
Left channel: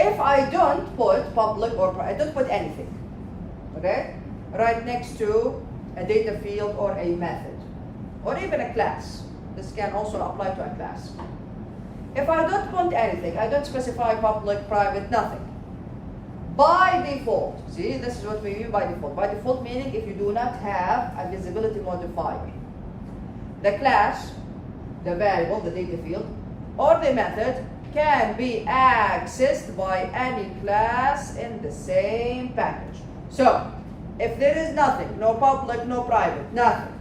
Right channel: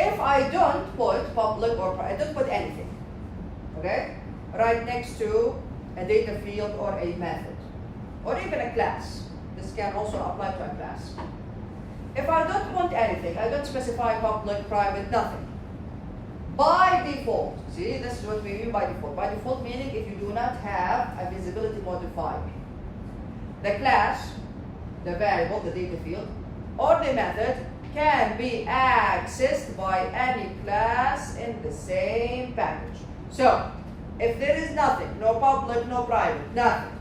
If I don't put public or I don't put anything, okay, right next to a data field or a method, or even a class, this can also apply to a class. If I don't put anything, I don't specify public, private, nothing. By default, see, this is what we mean by default. By default meaning if you do not have a visibility modifier. The class, the variable, the data field, or the method can be accessed by any class in the same package. So, if there is nothing, no public, no private, nothing,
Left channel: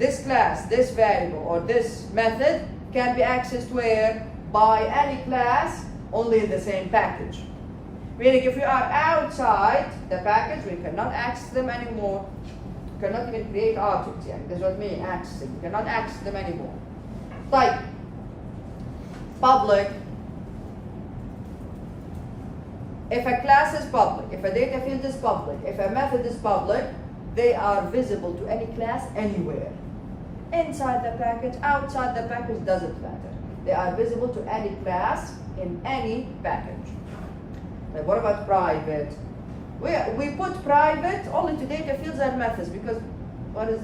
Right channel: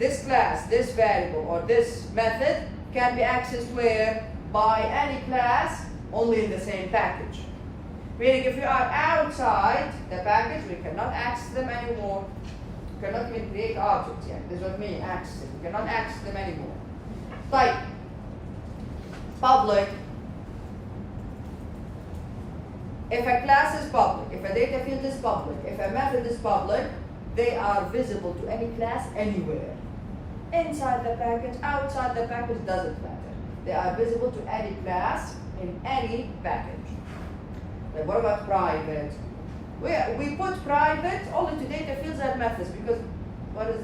this class, this variable, or this method can be accessed where? By any class, only in the same package. Meaning if you are outside the package, we cannot access them anymore. You cannot even create objects here. This is what I mean, access them. You cannot access them anymore. Like public. If a class is public, if a data field is public, if a method is public, they are visible to any class anywhere. Inside the package, outside the package, doesn't matter. They are visible to any class in any package. Like what about private? We put private only to data fields and methods because what is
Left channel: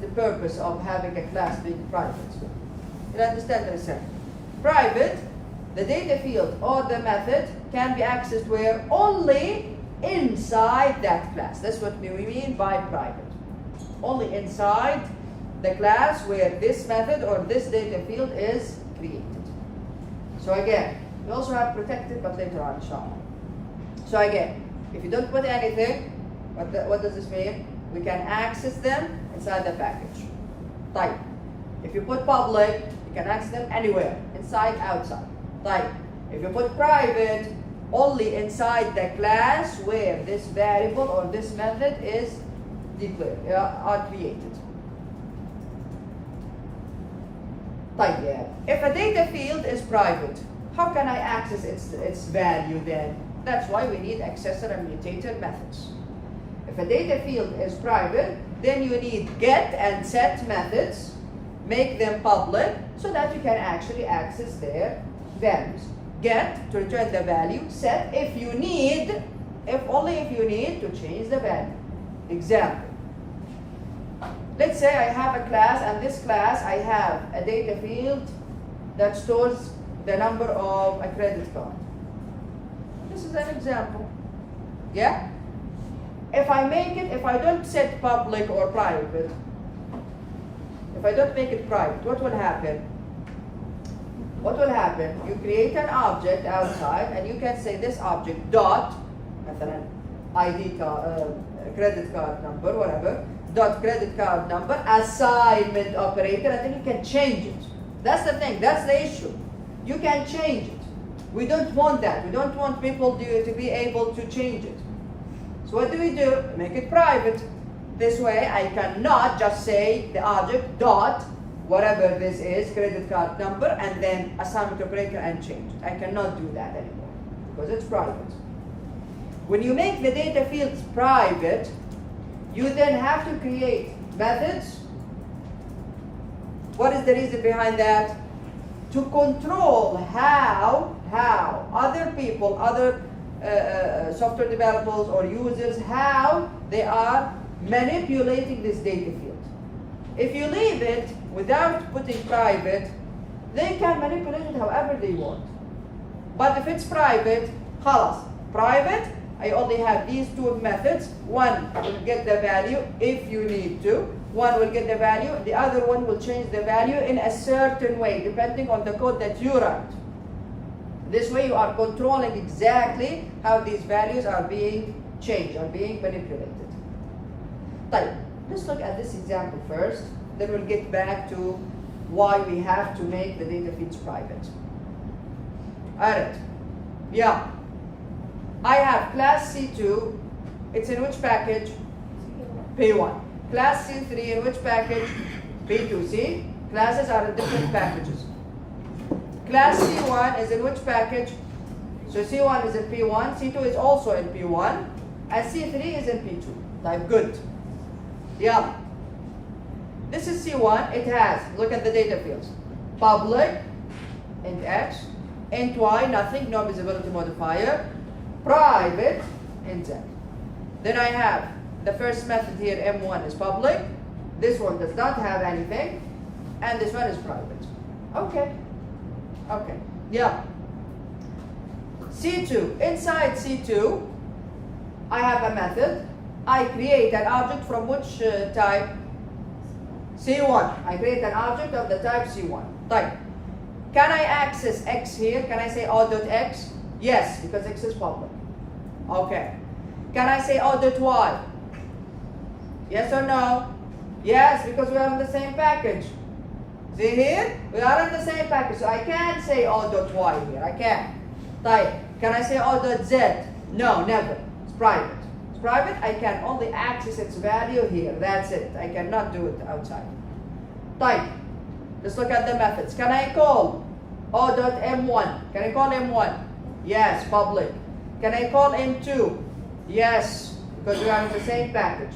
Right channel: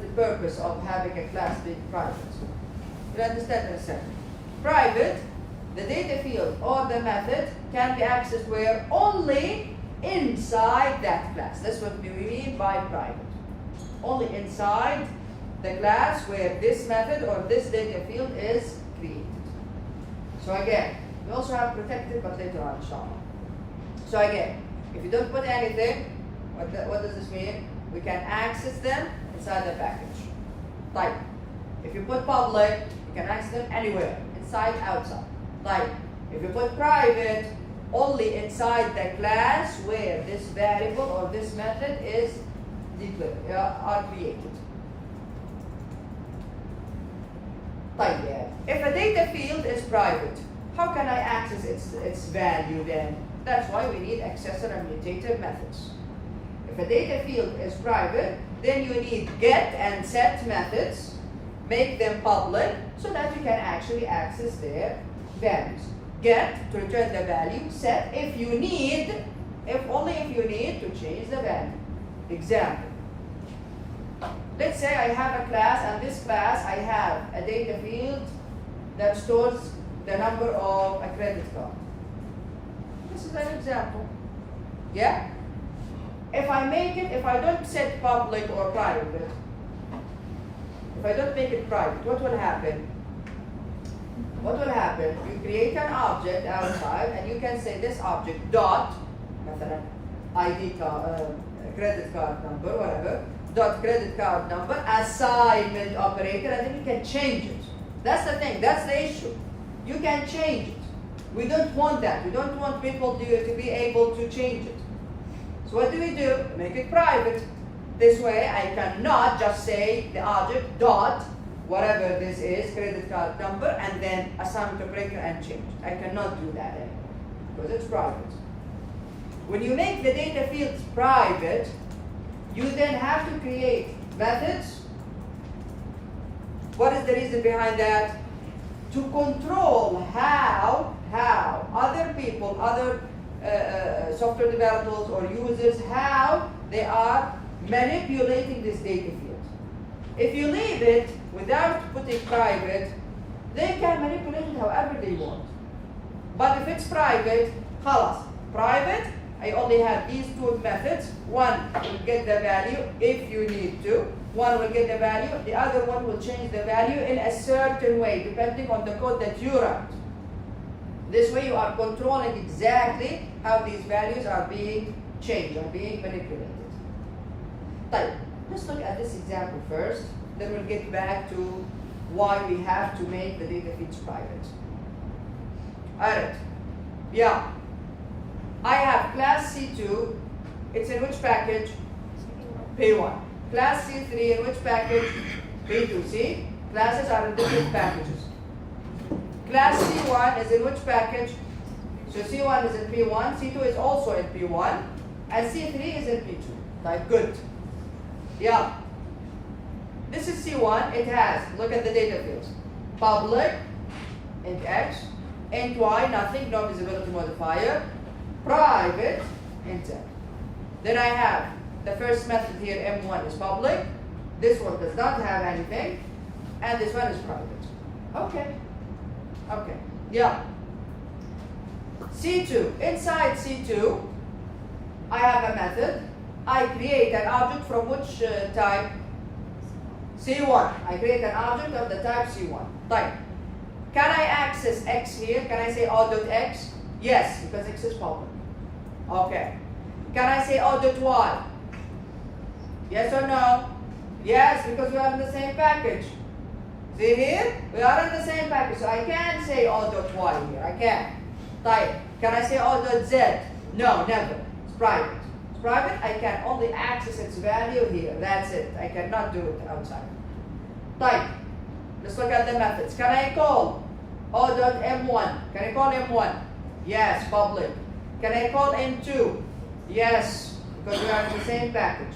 the purpose of having a class being private? You understand in a second. Private, the data field or the method can be accessed where? Only inside that class. That's what we mean by private. Only inside the class where this method or this data field is created. So again, we also have protected, but later on, inshallah. So again, if you don't put anything, what does this mean? We can access them inside the package. Type. If you put public, you can access them anywhere, inside, outside. Type. If you put private, only inside the class where this variable or this method is declared or created. طيب. If a data field is private, how can I access its value then? That's why we need accessor and mutator methods. If a data field is private, then you need get and set methods, make them public so that you can actually access their values. Get to return the value, set if you need, only if you need to change the value. Example. Let's say I have a class, and this class I have a data field that stores the number of a credit card. This is an example. Yeah? If I don't set public or private, if I don't make it private, what will happen? What will happen? You create an object outside, and you can say this object dot, مثلا ID card, credit card number, whatever, dot credit card number, assignment operator, and then you can change it. That's the thing, that's the issue. You can change it. We don't want that. We don't want people to be able to change it. So what do? Make it private. This way I cannot just say the object dot, whatever this is, credit card number, and then assignment operator and change it. I cannot do that anymore because it's private. When you make the data fields private, you then have to create methods. What is the reason behind that? To control how other people, other software developers or users, how they are manipulating this data field. If you leave it without putting private, they can manipulate it however they want. But if it's private, خلاص, private, I only have these two methods. One will get the value if you need to. One will get the value. The other one will change the value in a certain way, depending on the code that you write. This way you are controlling exactly how these values are being changed, or being manipulated. طيب, let's look at this example first. Then we'll get back to why we have to make the data feeds private. Alright. Yeah. I have class C2, it's in which package? P1. Class C3 in which package? P2. See? Classes are in different packages. Class C1 is in which package? So C1 is in P1, C2 is also in P1, and C3 is in P2. Like good. Yeah. This is C1, it has, look at the data fields. Public, int X, int Y, nothing, no visibility modifier. Private, int Z. Then I have the first method here, M1 is public. This one does not have anything. And this one is private. Okay. Okay. Yeah. C2. Inside C2, I have a method. I create an object from which type? C1. I create an object of the type C1. Type. Can I access X here? Can I say O.X? Yes, because X is public. Okay. Can I say O.Y? Yes or no? Yes, because we are in the same package. See here? We are in the same package. So I can't say O.Y here. I can't. Type. Can I say O.Z? No, never. It's private. It's private. I can only access its value here. That's it. I cannot do it outside. Type. Let's look at the methods. Can I call O.M1? Can I call M1? Yes, public. Can I call M2? Yes, because we are in the same package.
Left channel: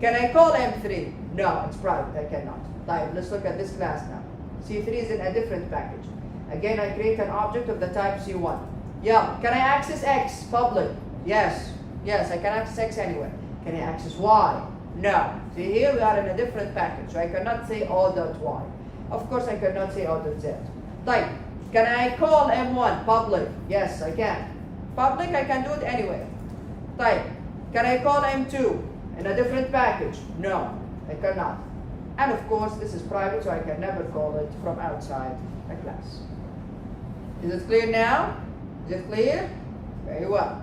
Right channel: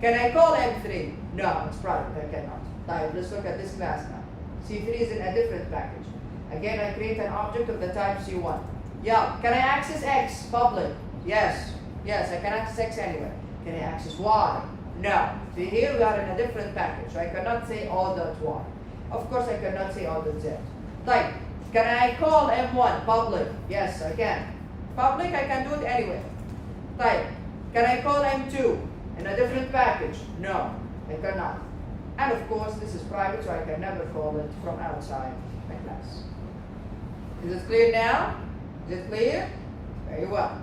Can I call M3? No, it's private. I cannot. Type. Let's look at this class now. C3 is in a different package. Again, I create an object of the type C1. Yeah. Can I access X? Public. Yes. Yes, I can access X anyway. Can I access Y? No. See here we are in a different package. So I cannot say O.Y. Of course I cannot say O.Z. Type. Can I call M1? Public. Yes, I can. Public, I can do it anyway. Type. Can I call M2 in a different package? No, I cannot. And of course, this is private, so I can never call it from outside the class. Is it clear now? Is it clear? Very well.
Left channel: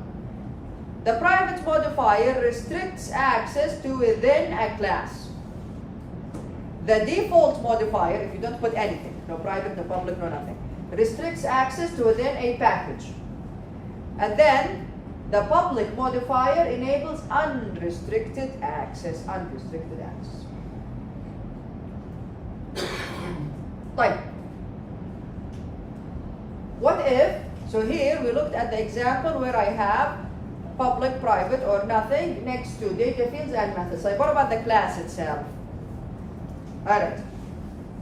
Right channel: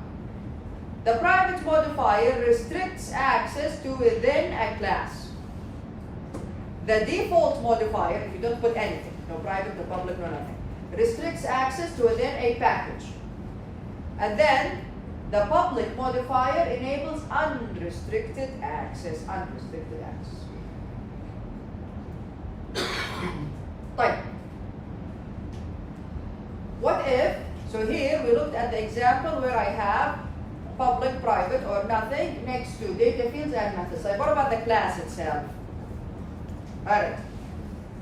The private modifier restricts access to within a class. The default modifier, if you don't put anything, no private, no public, no nothing, restricts access to within a package. And then the public modifier enables unrestricted access. Unrestricted access. Type. What if, so here we looked at the example where I have public, private, or nothing next to data fields and methods. Like what about the class itself? Alright,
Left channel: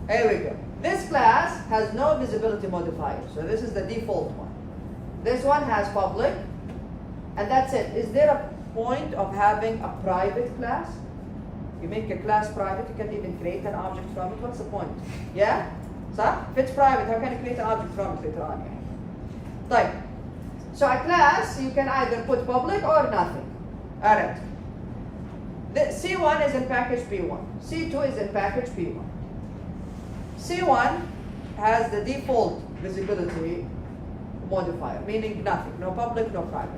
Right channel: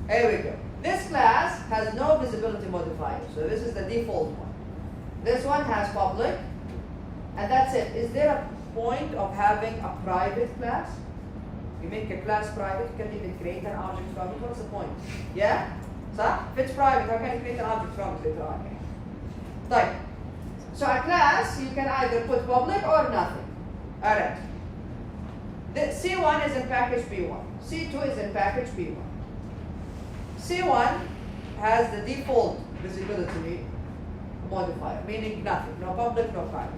here we go. This class has no visibility modifier, so this is the default one. This one has public, and that's it. Is there a point of having a private class? You make a class private, you can even create an object from it. What's the point? Yeah? So, if it's private, how can you create an object from it later on? Like, so a class, you can either put public or nothing. Alright. The C1 is in package P1. C2 is in package P1. C1 has the default visibility modifier, meaning nothing, no public, no private.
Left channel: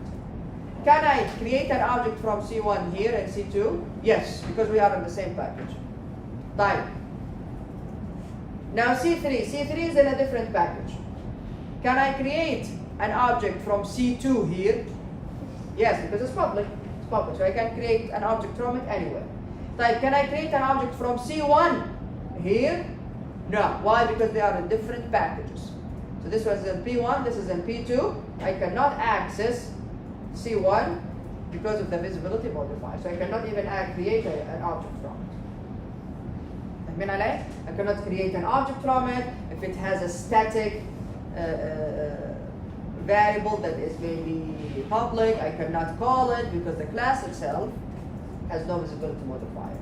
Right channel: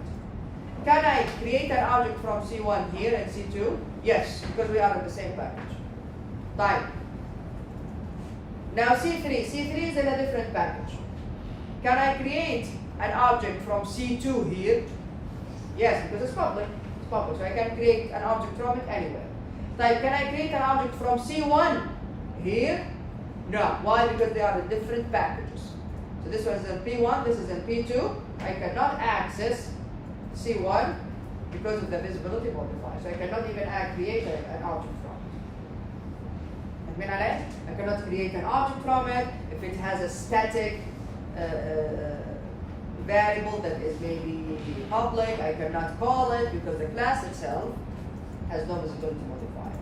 Can I create an object from C1 here and C2? Yes, because we are in the same package. Type. Now C3 is in a different package. Can I create an object from C2 here? Yes, because it's public. It's public, so I can create an object from it anywhere. Type. Can I create an object from C1 here? No. Why? Because they are in different packages. So this was in P1, this is in P2. I cannot access C1 because of the visibility modifier. So I cannot even create an object from it. I cannot create an object from it if it has a static variable that is maybe public. I cannot call it because the class itself has no visibility modifier.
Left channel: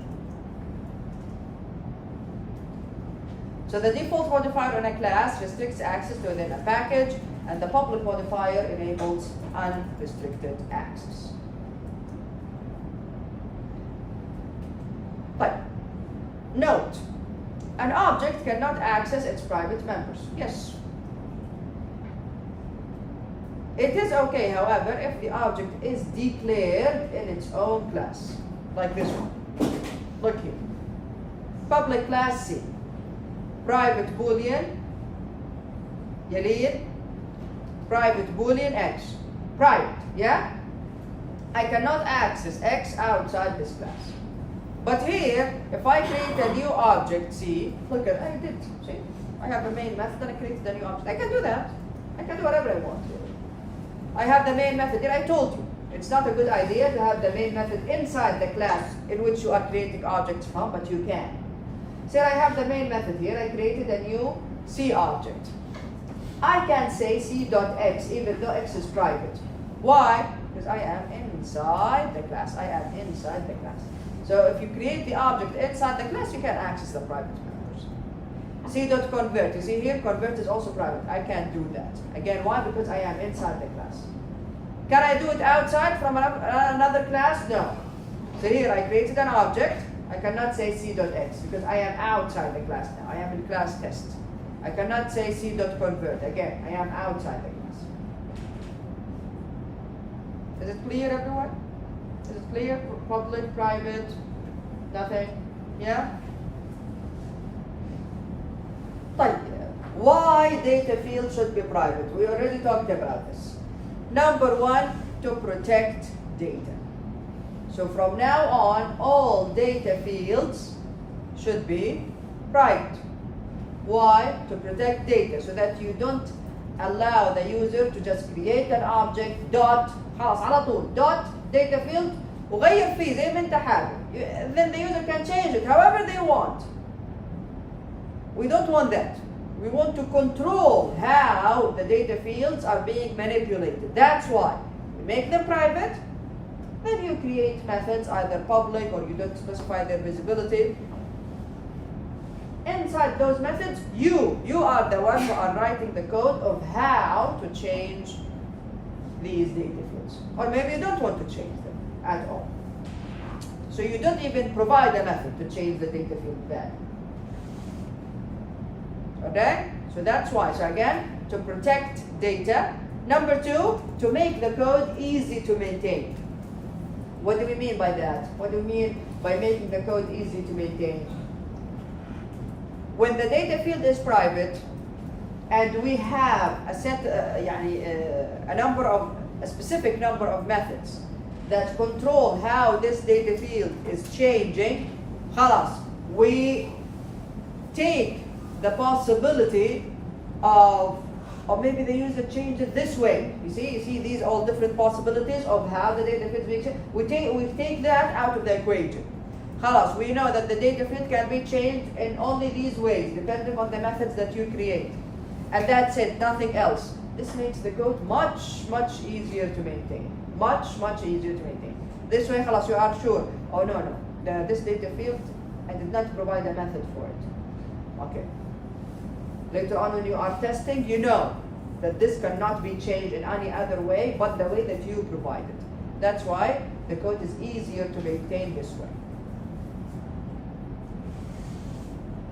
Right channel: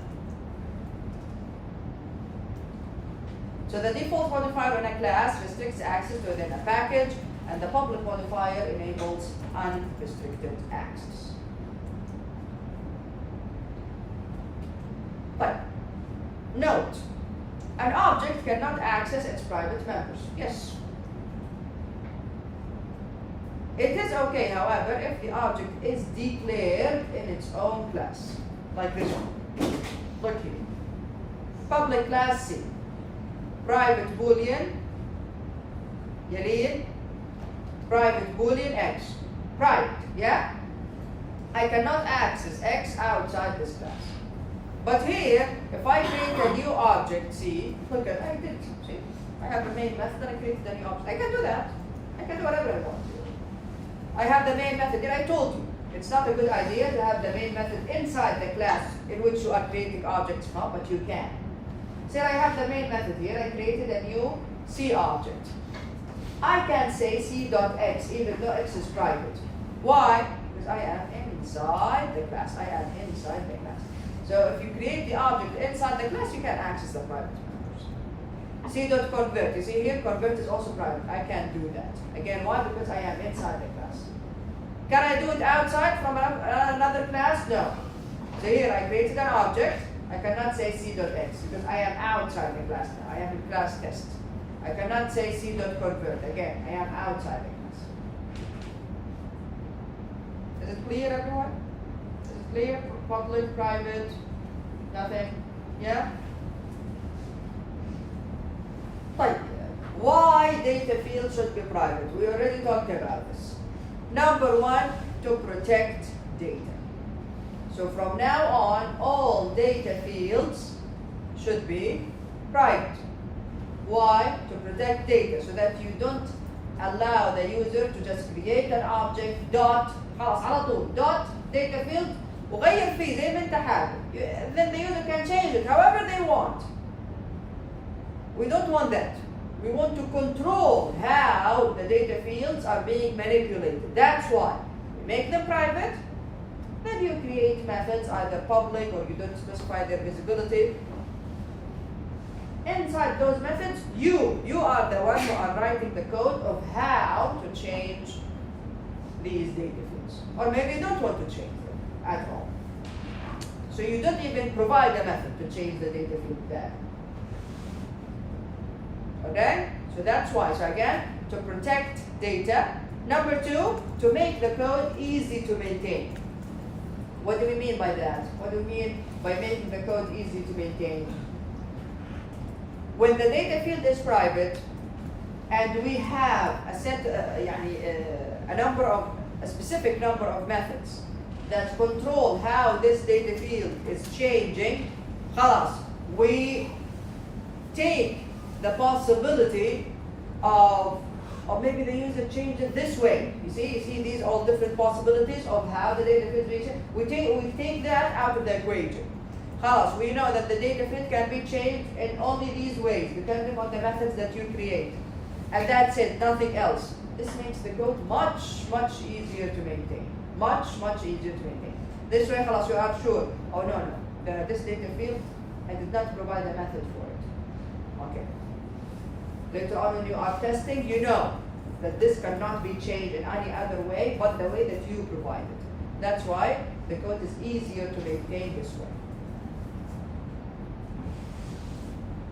So the default modifier in a class restricts access to within a package, and the public modifier enables unrestricted access. But note, an object cannot access its private members. Yes. It is okay, however, if the object is declared in its own class, like this one. Look here. Public class C. Private Boolean, يلين private Boolean X. Private, yeah? I cannot access X outside this class. But here, if I create a new object, C, look at, I did, see? I have a main method and I created a new object. I can do that. I can do whatever I want to. I have the main method here. I told you, it's not a good idea to have the main method inside the class in which you are creating objects from, but you can. So I have the main method here. I created a new C object. I can say C.X even though X is private. Why? Because I am inside the class. I am inside the class. So if you create the object inside the class, you can access the private members. C.Convert. You see here, convert is also private. I can't do that. Again, why? Because I am inside the class. Can I do it outside from another class? No. So here I created an object. I cannot say C.X because I am outside the class now. I am in class test. I cannot say C.Convert. Again, I am outside the class. Is it clear, everyone? Is it clear? Public, private, Nothing? Yeah? طيب, why data fields should be private? We already talked about this. Number one, to protect data. So from now on, all data fields should be private. Why? To protect data, so that you don't allow the user to just create an object dot خلاص على طول dot data field وغير فيه زي ما انت حابب. Then the user can change it however they want. We don't want that. We want to control how the data fields are being manipulated. That's why we make them private. Then you create methods, either public or you don't specify their visibility. Inside those methods, you are the one who are writing the code of how to change these data fields. Or maybe you don't want to change them at all. So you don't even provide a method to change the data field value. Okay? So that's why. So again, to protect data. Number two, to make the code easy to maintain. What do we mean by that? What do we mean by making the code easy to maintain? When the data field is private and we have a specific number of methods that control how this data field is changing, خلاص, we take the possibility of maybe the user changes it this way. You see these all different possibilities of how the data field is changed. We take that out of the equation. خلاص, we know that the data field can be changed in only these ways, depending on the methods that you create. And that's it, nothing else. This makes the code much, much easier to maintain. Much, much easier to maintain. This way, خلاص, you are sure. Oh no, this data field, I did not provide a method for it. Okay. Later on when you are testing, you know that this cannot be changed in any other way but the way that you provided. That's why the code is easier to maintain this way.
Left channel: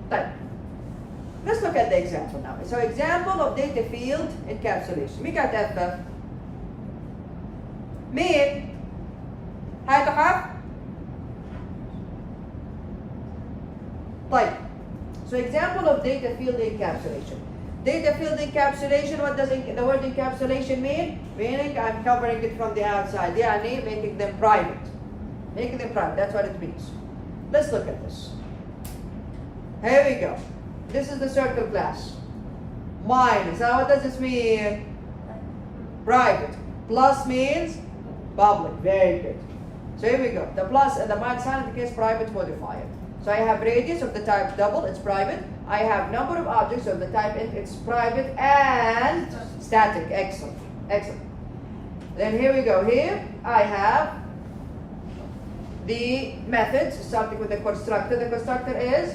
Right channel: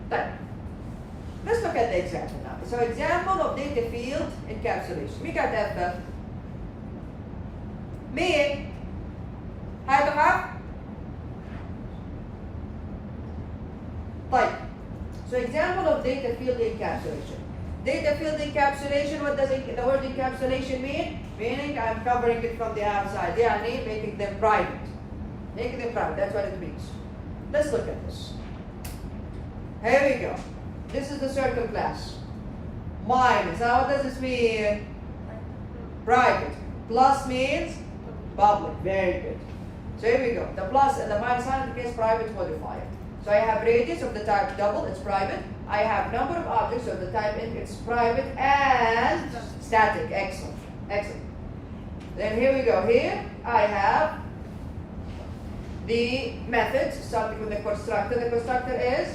Then, let's look at the example now. So example of data field encapsulation. مين كانت هذا؟ مين؟ هاي بقى؟ طيب. So example of data field encapsulation. Data field encapsulation, what does the word encapsulation mean? Meaning I'm covering it from the outside. يعني making them private. Making them private, that's what it means. Let's look at this. Here we go. This is the circle class. Minus, now what does this mean? Private. Plus means public, very good. So here we go. The plus and the minus sign indicates private modifier. So I have radius of the type double, it's private. I have number of objects of the type int, it's private and static. Excellent. Excellent. Then here we go. Here I have the methods starting with the constructor. The constructor is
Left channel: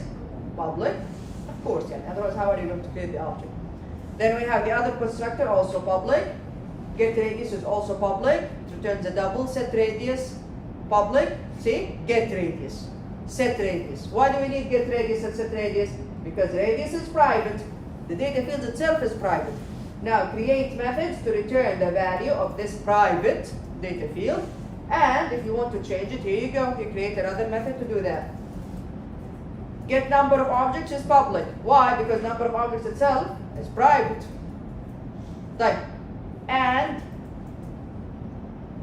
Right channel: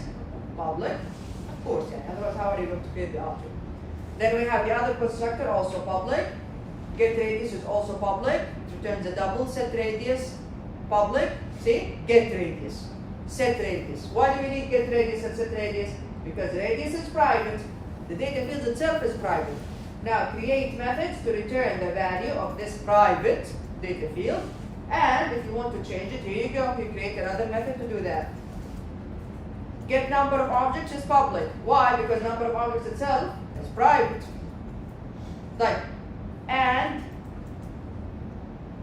public. Of course, yeah. Otherwise, how are you going to create the object? Then we have the other constructor, also public. Get radius is also public. It returns a double. Set radius, public. See? Get radius. Set radius. Why do we need get radius and set radius? Because radius is private. The data field itself is private. Now create methods to return the value of this private data field. And if you want to change it, here you go. You create another method to do that. Get number of objects is public. Why? Because number of objects itself is private. Right. And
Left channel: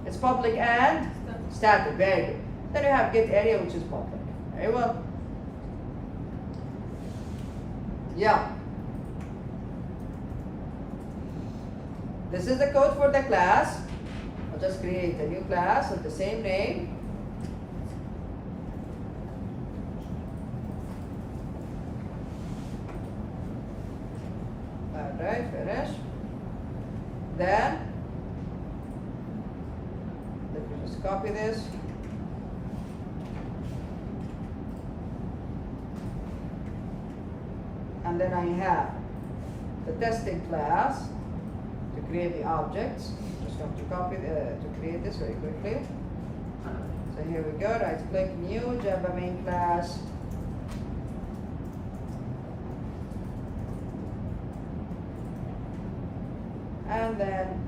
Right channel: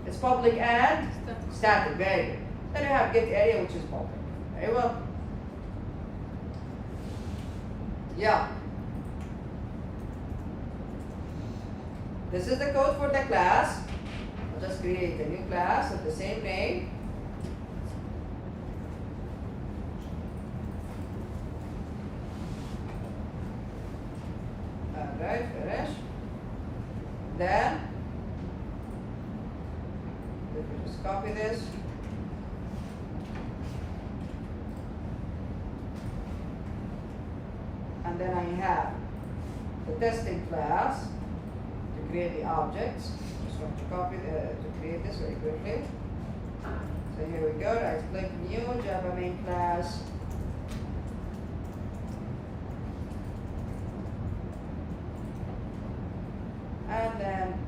it's public and static. Very good. Then you have get area, which is public. Very well. Yeah. This is the code for the class. I'll just create a new class of the same name. Alright, finish. Then let me just copy this. And then I have the testing class to create the objects. Just have to copy to create this very quickly. So here we go. Right click, new Java main class. And then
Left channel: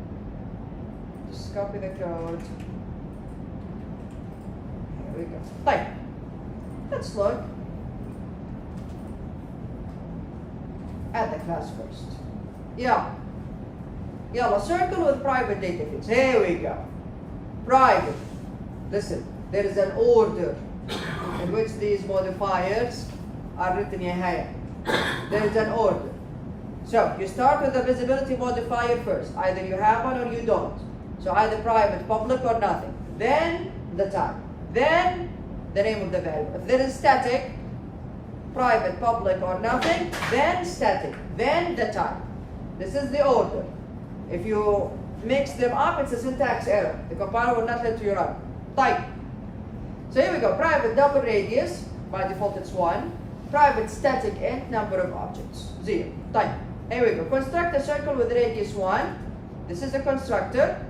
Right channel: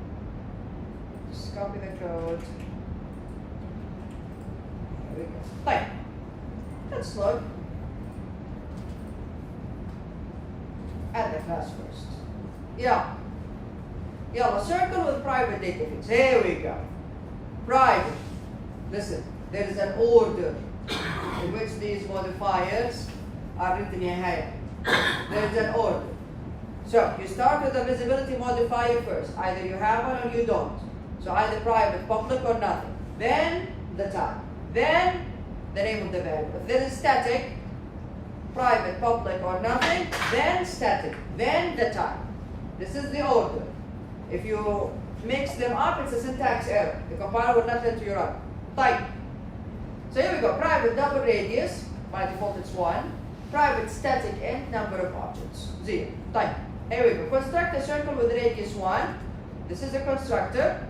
just copy the code. Here we go. Right. Let's look at the class first. Yeah. Yeah, a circle with private data fields. Here we go. Private. Listen, there is an order in which these modifiers are written here. There is an order. So you start with the visibility modifier first. Either you have one or you don't. So either private, public, or nothing. Then the type. Then the name of the variable. If there is static, private, public, or nothing, then static. Then the type. This is the order. If you mix them up, it's a syntax error. The compiler will not let you run. Type. So here we go. Private double radius. By default, it's 1. Private static int number of objects. 0. Type. Here we go. Construct a circle with radius 1. This is the constructor.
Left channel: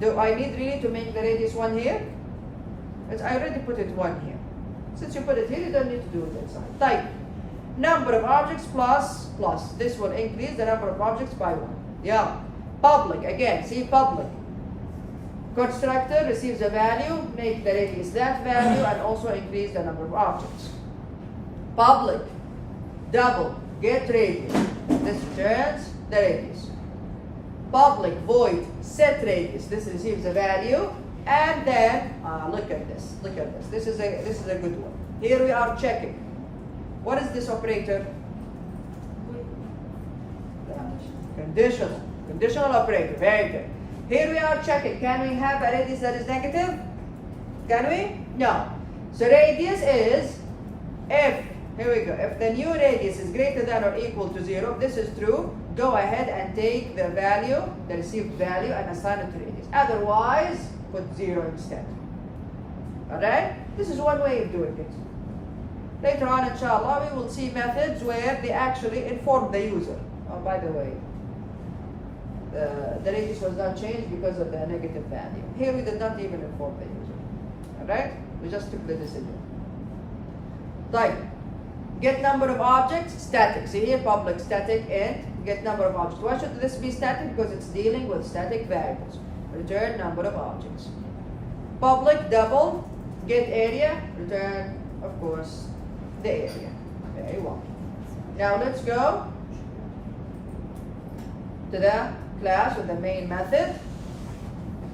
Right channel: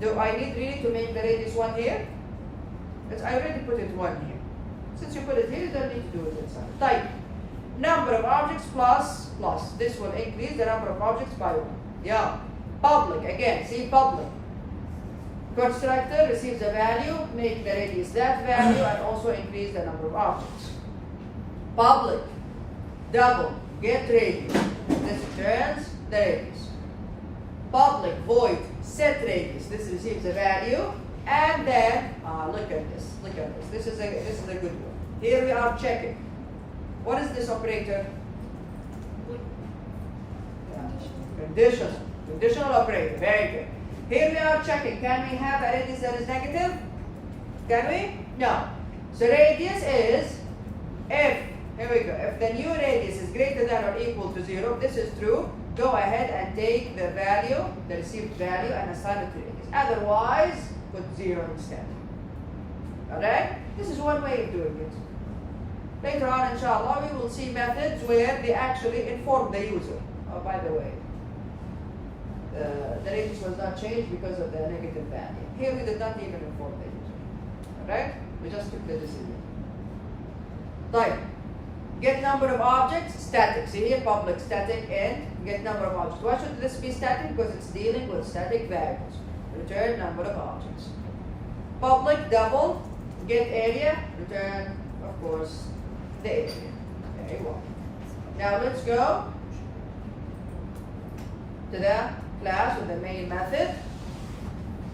Do I need really to make the radius 1 here? I already put it 1 here. Since you put it here, you don't need to do it outside. Type. Number of objects plus. This will increase the number of objects by 1. Yeah. Public. Again, see public. Constructor receives a value, make the radius that value, and also increase the number of objects. Public. Double. Get radius. This returns the radius. Public void set radius. This receives a value, and then look at this. Look at this. This is a good one. Here we are checking. What is this operator? Conditional. Conditional operator. Very good. Here we are checking. Can we have a radius that is negative? Can we? No. So radius is if. Here we go. If the new radius is greater than or equal to 0, if this is true, go ahead and take the value, the received value, and assign it to radius. Otherwise, put 0 instead. Alright? This is one way of doing it. Later on, inshallah, we will see methods where they actually inform the user. Oh, by the way, the radius was not changed because of the negative value. Here we did not even inform the user. Alright? We just took the decision. Type. Get number of objects, static. See here, public static int, get number of objects. Why should this be static? Because it's dealing with static variables. Return number of objects. Public double, get area, return, of course, the area. Okay, well. Now let's go to the class with the main method.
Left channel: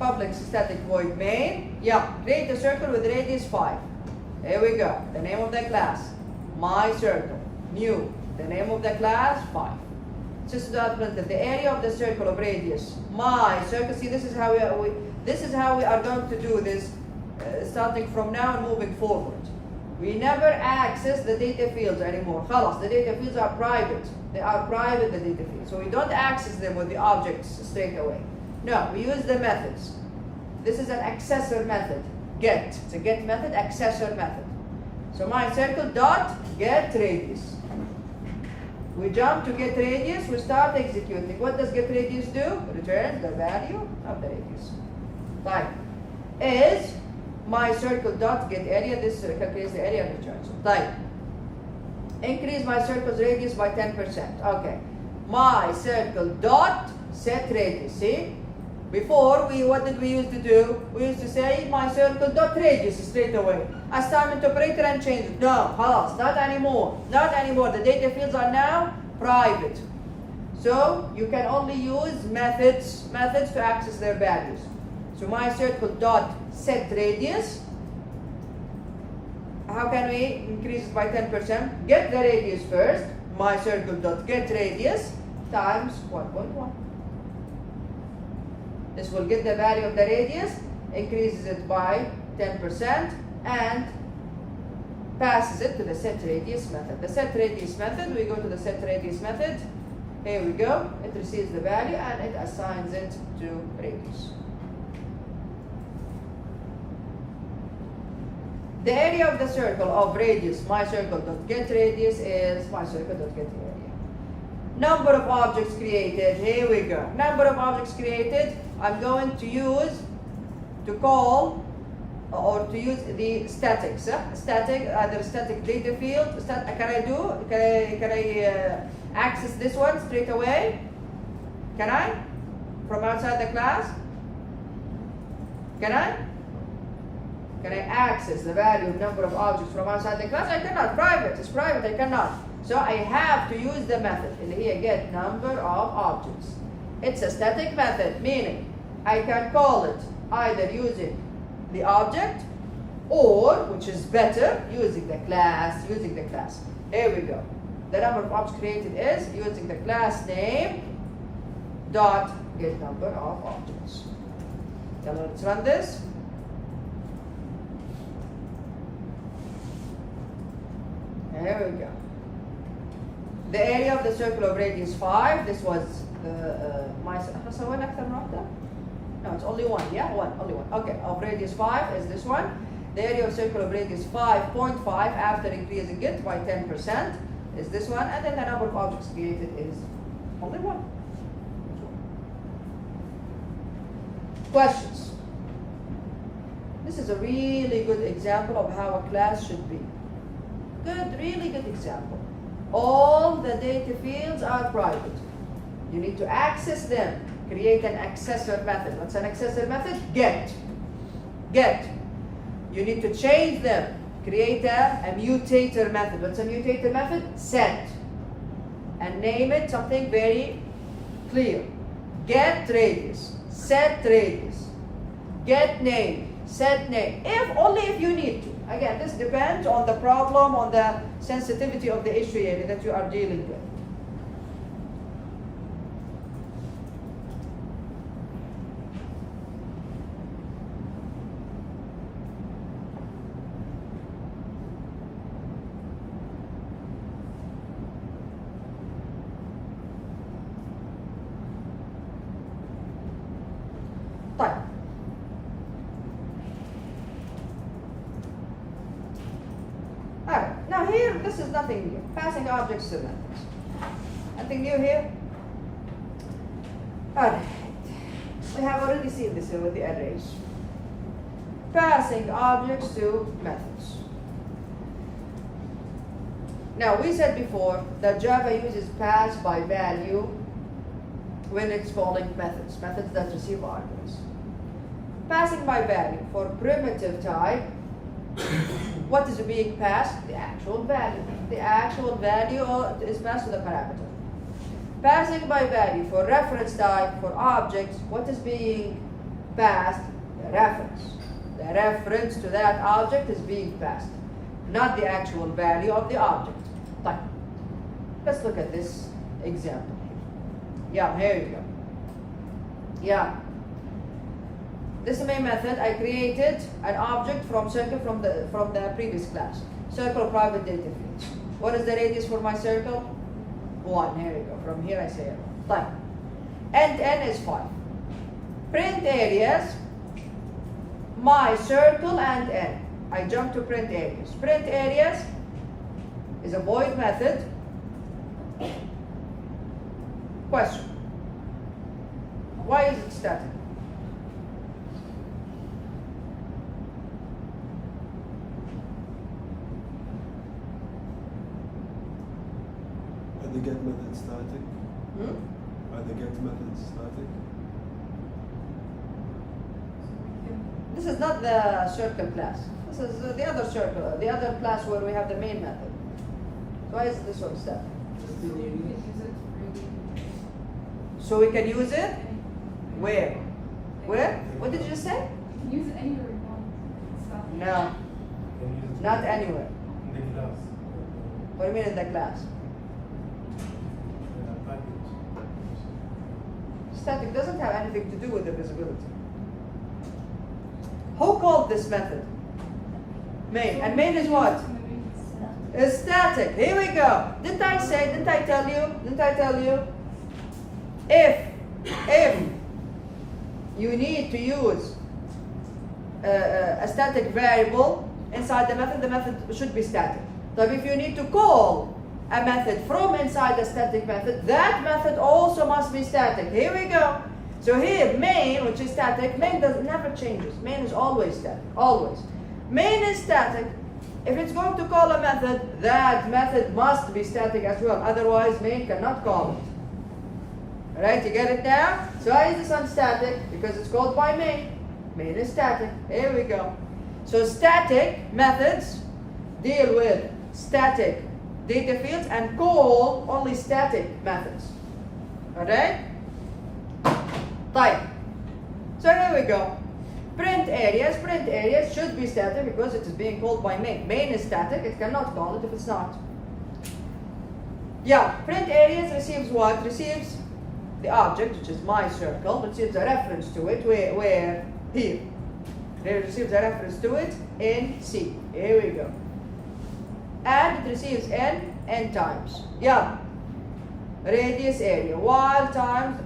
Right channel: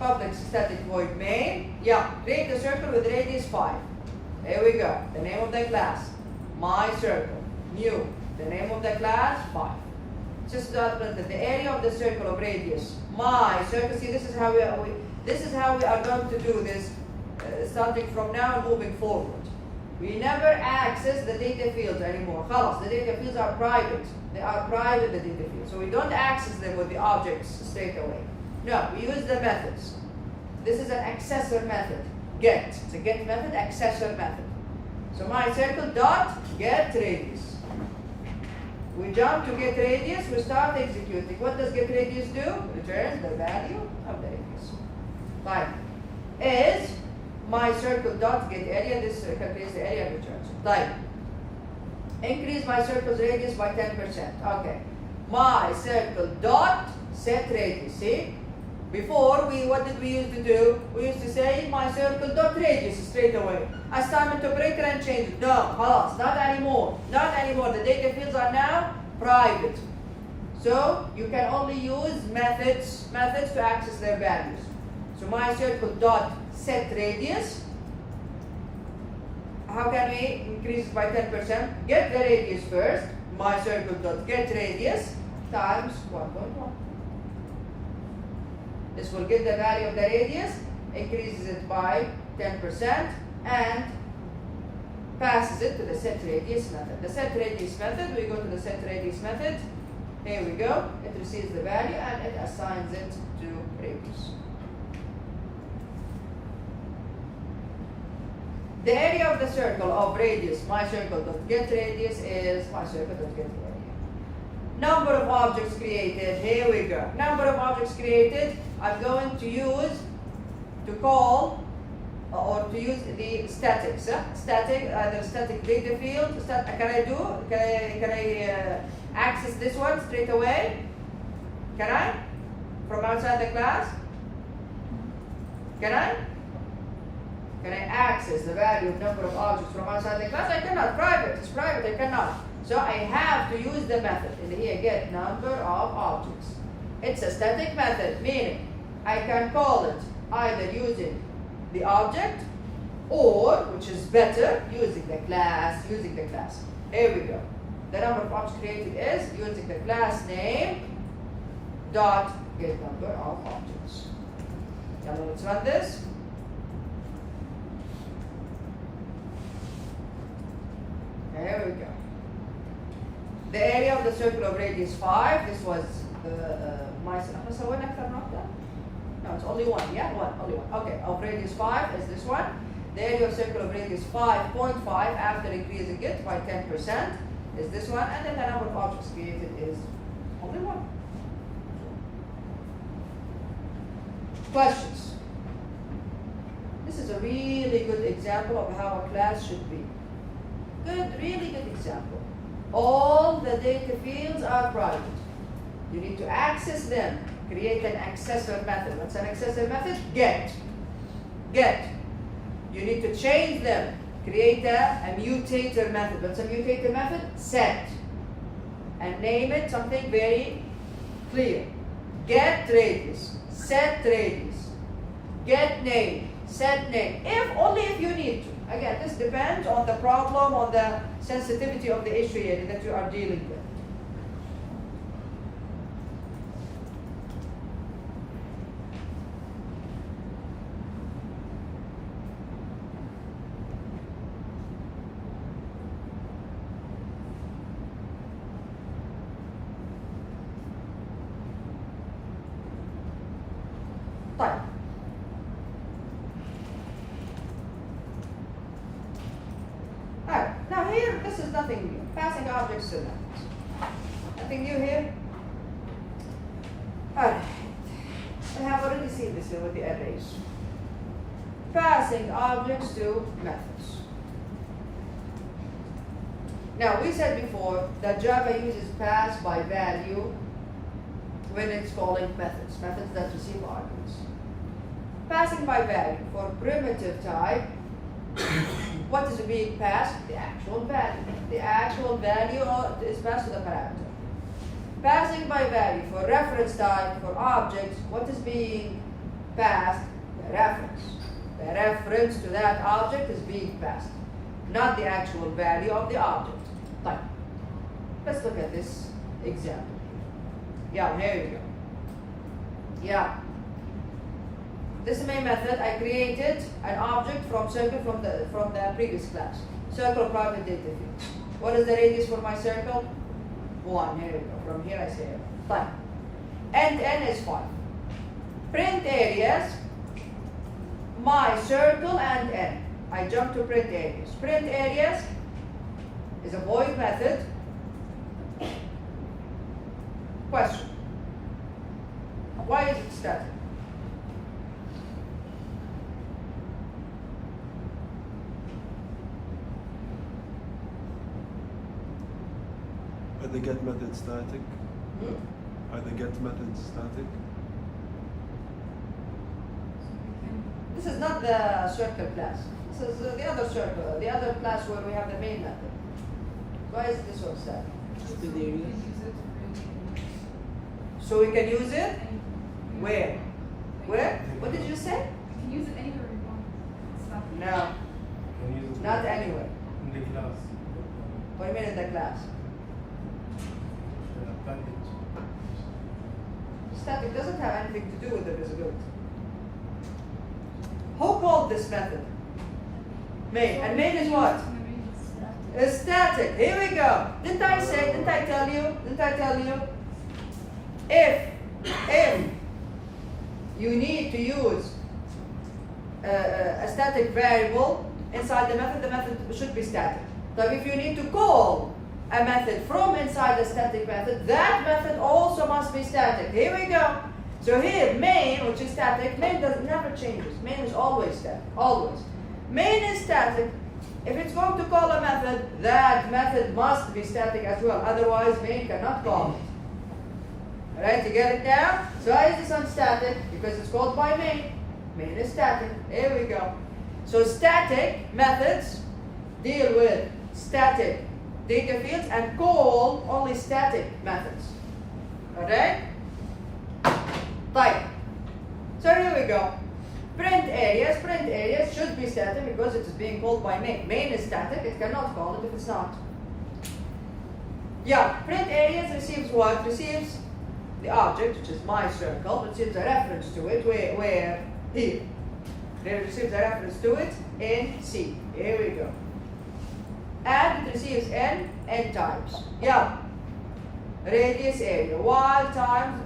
Public static void main. Yeah, create a circle with radius 5. Here we go. The name of the class. My circle, new, the name of the class, 5. Just that the area of the circle of radius, my circle. See, this is how we are going to do this, starting from now and moving forward. We never access the data fields anymore. Khalas, the data fields are private. They are private, the data fields. So we don't access them with the objects straight away. No, we use the methods. This is an accessor method. Get. It's a get method, accessor method. So my circle dot get radius. We jump to get radius, we start executing. What does get radius do? Return the value of the radius. Like is my circle dot get area, this calculates the area and returns. Like increase my circle's radius by 10%. Okay. My circle dot set radius. See? Before, what did we used to do? We used to say my circle dot radius straight away. Assignment operator and change it. No, halas, not anymore. Not anymore. The data fields are now private. So you can only use methods to access their values. So my circle dot set radius. How can we increase it by 10%? Get the radius first. My circle dot get radius times 1.1. This will get the value of the radius, increases it by 10%, and passes it to the set radius method. The set radius method, we go to the set radius method. Here we go. It receives the value and it assigns it to radius. The area of the circle of radius, my circle dot get radius, is my circle dot get area. Number of objects created, here we go. Number of objects created, I'm going to use to call or to use the statics. Static, the static data field. Can I access this one straight away? Can I? From outside the class? Can I? Can I access the value of number of objects from outside the class? I cannot. Private. It's private. I cannot. So I have to use the method. And here, get number of objects. It's a static method, meaning I can call it either using the object or, which is better, using the class. Here we go. The number of objects created is using the class name dot get number of objects. Now let's run this. Here we go. The area of the circle of radius 5. This was no, it's only one. Yeah, only one. Okay, of radius 5 is this one. The area of circle of radius 5.5 after increasing it by 10% is this one, and then the number of objects created is only one. Questions? This is a really good example of how a class should be. Really good example. All the data fields are private. You need to access them. Create an accessor method. What's an accessor method? Get. You need to change them. Create a mutator method. What's a mutator method? Set. And name it something very clear. Get radius. Set radius. Get name. Set name. Only if you need to. Again, this depends on the problem, on the sensitivity of the issue area that you are dealing with. Now here, this is nothing new. Passing objects to methods. Nothing new here? Alright. We have already seen this with the arrays. Passing objects to methods. Now we said before that Java uses pass by value when it's calling methods that receive arguments. Passing by value for primitive type, what is being passed? The actual value. The actual value is passed to the parameter. Passing by value for reference type, for objects, what is being passed? The reference. The reference to that object is being passed, not the actual value of the object. Type. Let's look at this example here. Yeah, here we go. Yeah. This main method, I created an object from circle from the previous class. Circle private data fields. What is the radius for my circle? 1. Here we go. From here I say it. Type. And n is 5. Print areas, my circle and n. I jump to print areas. Print areas is a void method. Question. Why is it static? Are the get methods static? Are the get methods static? This is not the circle class. This is the other circle, the other class where we have the main method. Why is this one static? So we can use it? Where? Where? What did you say? You can use it anywhere we want. No, not anywhere. In the class. What do you mean in the class? Package. Static doesn't have anything to do with the visibility. Who called this method? Main. And main is what? It's static. Here we go. Didn't I tell you? If you need to use a static variable inside the method should be static. So if you need to call a method from inside a static method, that method also must be static. Here we go. So here, main, which is static, main never changes. Main is always static, always. Main is static. If it's going to call a method, that method must be static as well. Otherwise, main cannot call it. Alright, you get it now? So why is this one static? Because it's called by main. Main is static. Here we go. So static methods deal with static data fields and call only static methods. Alright? Right. So here we go. Print areas should be static because it is being called by main. Main is static, it cannot call it if it's not. Yeah, print areas receives what? Receives the object, which is my circle, receives a reference to it, where here. It receives a reference to it in C. Here we go. And it receives n times. Yeah. Radius area. While times,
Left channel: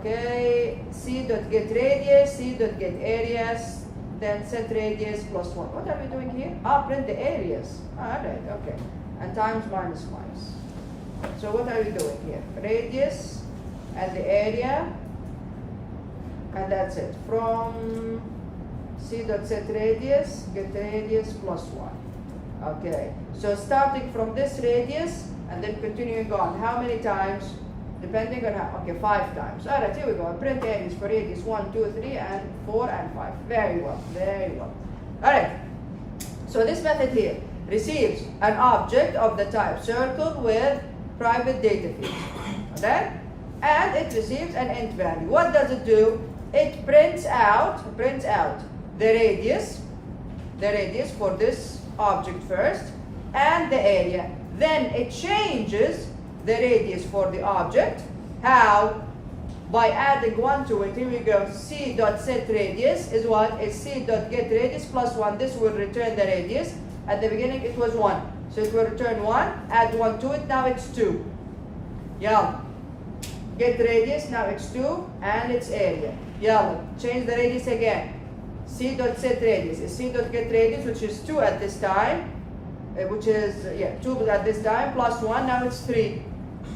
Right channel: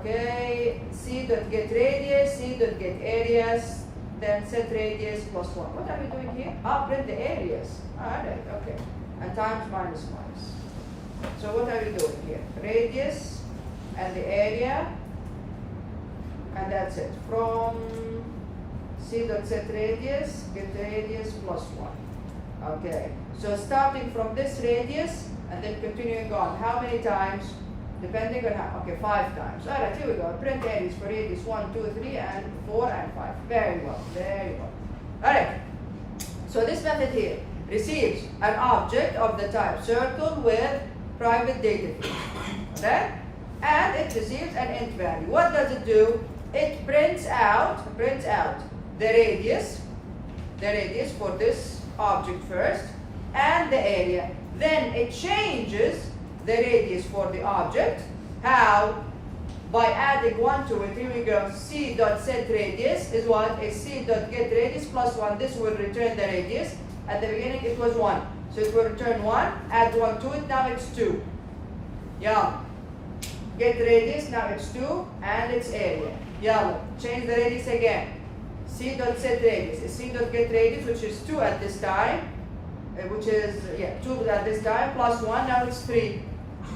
okay, C dot get radius, C dot get areas, then set radius plus 1. What are we doing here? Print the areas. Alright, okay. And times minus minus. So what are you doing here? Radius and the area, and that's it. From C dot set radius, get radius plus 1. Okay, so starting from this radius and then continuing on, how many times? Depending on how, okay, 5 times. Alright, here we go. Print areas for radius 1, 2, 3, and 4, and 5. Very well, very well. Alright, so this method here receives an object of the type circle with private data field. Okay? And it receives an int value. What does it do? It prints out the radius for this object first, and the area. Then it changes the radius for the object. How? By adding 1 to it. Here we go. C dot set radius is what? Is C dot get radius plus 1. This will return the radius. At the beginning it was 1. So it will return 1. Add 1 to it. Now it's 2. Yeah. Get radius. Now it's 2. And it's area. Yeah. Change the radius again. C dot set radius is C dot get radius, which is 2 at this time. Which is, 2 at this time plus 1. Now it's 3.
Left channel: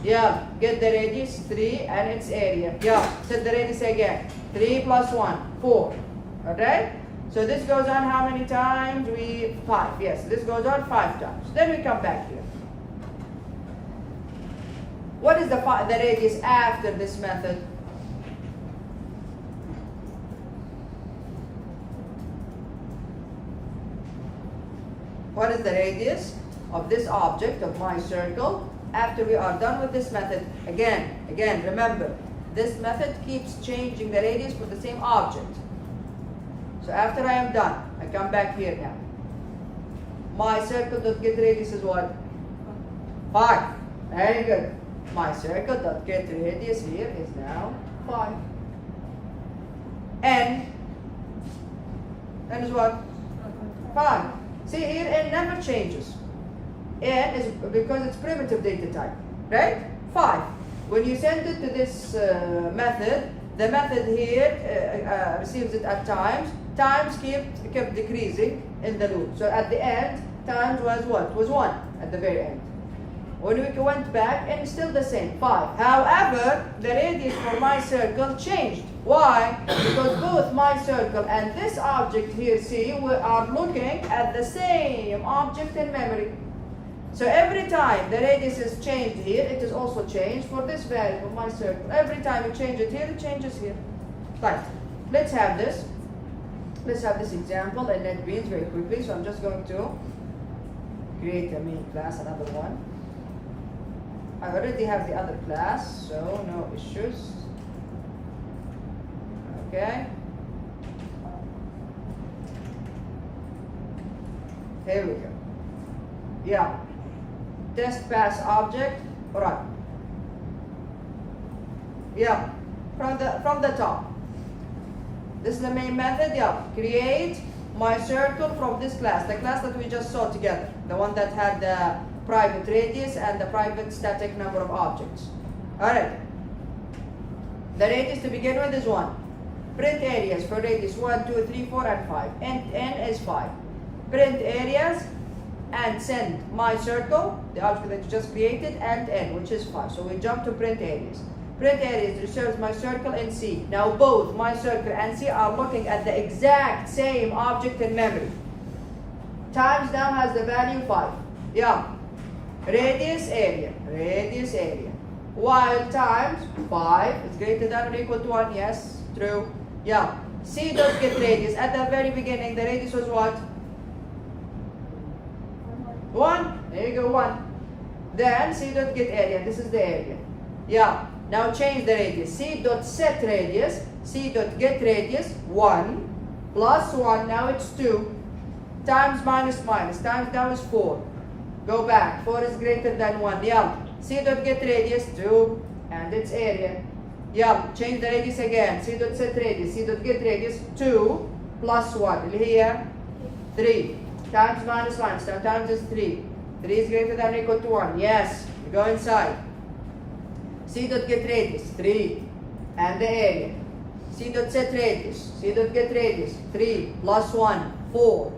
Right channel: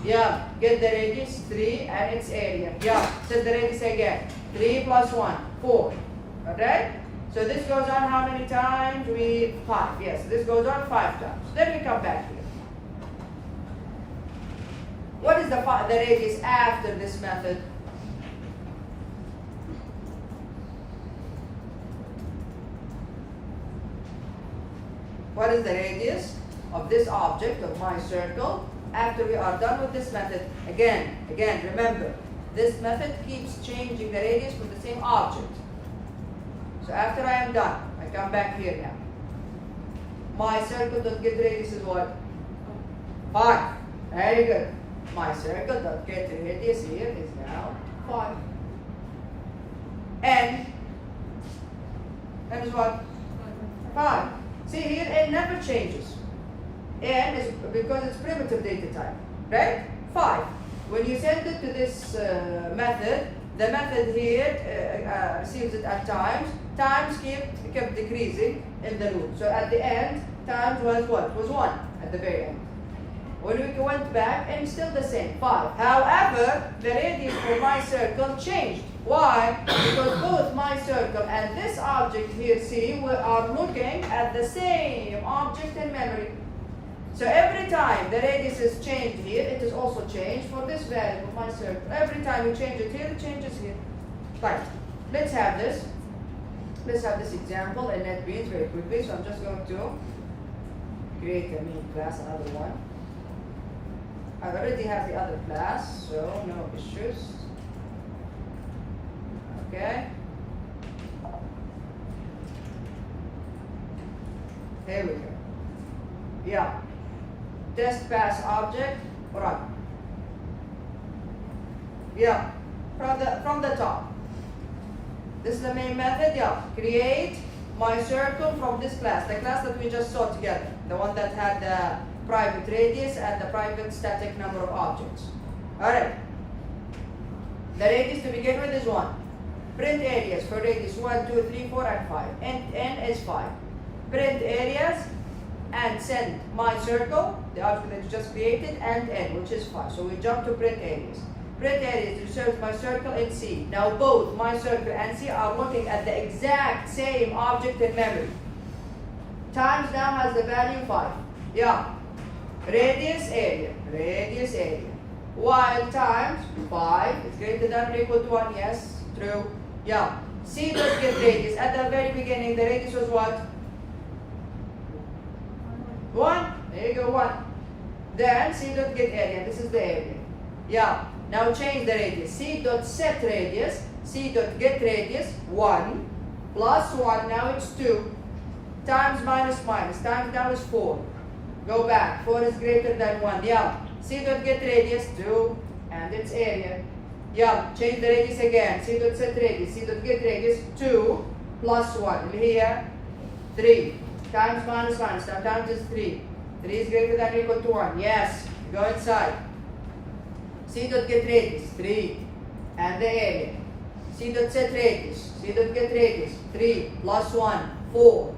Yeah, get the radius 3 and its area. Yeah, set the radius again. 3 plus 1, 4. Alright? So this goes on how many times? 5. Yes, this goes on 5 times. Then we come back here. What is the radius after this method? What is the radius of this object of my circle after we are done with this method? Again, remember, this method keeps changing the radius for the same object. So after I am done, I come back here now. My circle dot get radius is what? 5. Very good. My circle dot get radius here is now 5. N is what? 5. See here, n never changes. N is because it's primitive data type, right? 5. When you send it to this method, the method here receives it at times. Times kept decreasing in the loop. So at the end, times was what? Was 1 at the very end. When we went back, and it's still the same, 5. However, the radius for my circle changed. Why? Because both my circle and this object here, C, we are looking at the same object in memory. So every time the radius is changed here, it is also changed for this value of my circle. Every time you change it here, it changes here. Right. Let's have this. Let's have this example in NetBeans very quickly. So I'm just going to create a main class, another one. I already have the other class, so no issues. Okay. Here we go. Yeah. Test pass object, run. Yeah. From the top. This is the main method. Yeah. Create my circle from this class, the class that we just saw together, the one that had the private radius and the private static number of objects. Alright. The radius to begin with is 1. Print areas for radius 1, 2, 3, 4, and 5. N is 5. Print areas and send my circle, the object that you just created, and n, which is 5. So we jump to print areas. Print areas reserves my circle in C. Now both my circle and C are looking at the exact same object in memory. Times now has the value 5. Yeah. Radius area. While times 5 is greater than or equal to 1, yes, true. Yeah. C dot get radius. At the very beginning, the radius was what? 1. There you go, 1. Then C dot get area. This is the area. Yeah. Now change the radius. C dot set radius. C dot get radius 1 plus 1. Now it's 2 times minus minus times now is 4. Go back. 4 is greater than 1. Yeah. C dot get radius 2 and its area. Yeah. Change the radius again. C dot set radius. C dot get radius 2 plus 1. Here 3 times minus minus times is 3. 3 is greater than or equal to 1. Yes. Go inside. C dot get radius 3 and the area. C dot set radius. C dot get radius 3 plus 1 4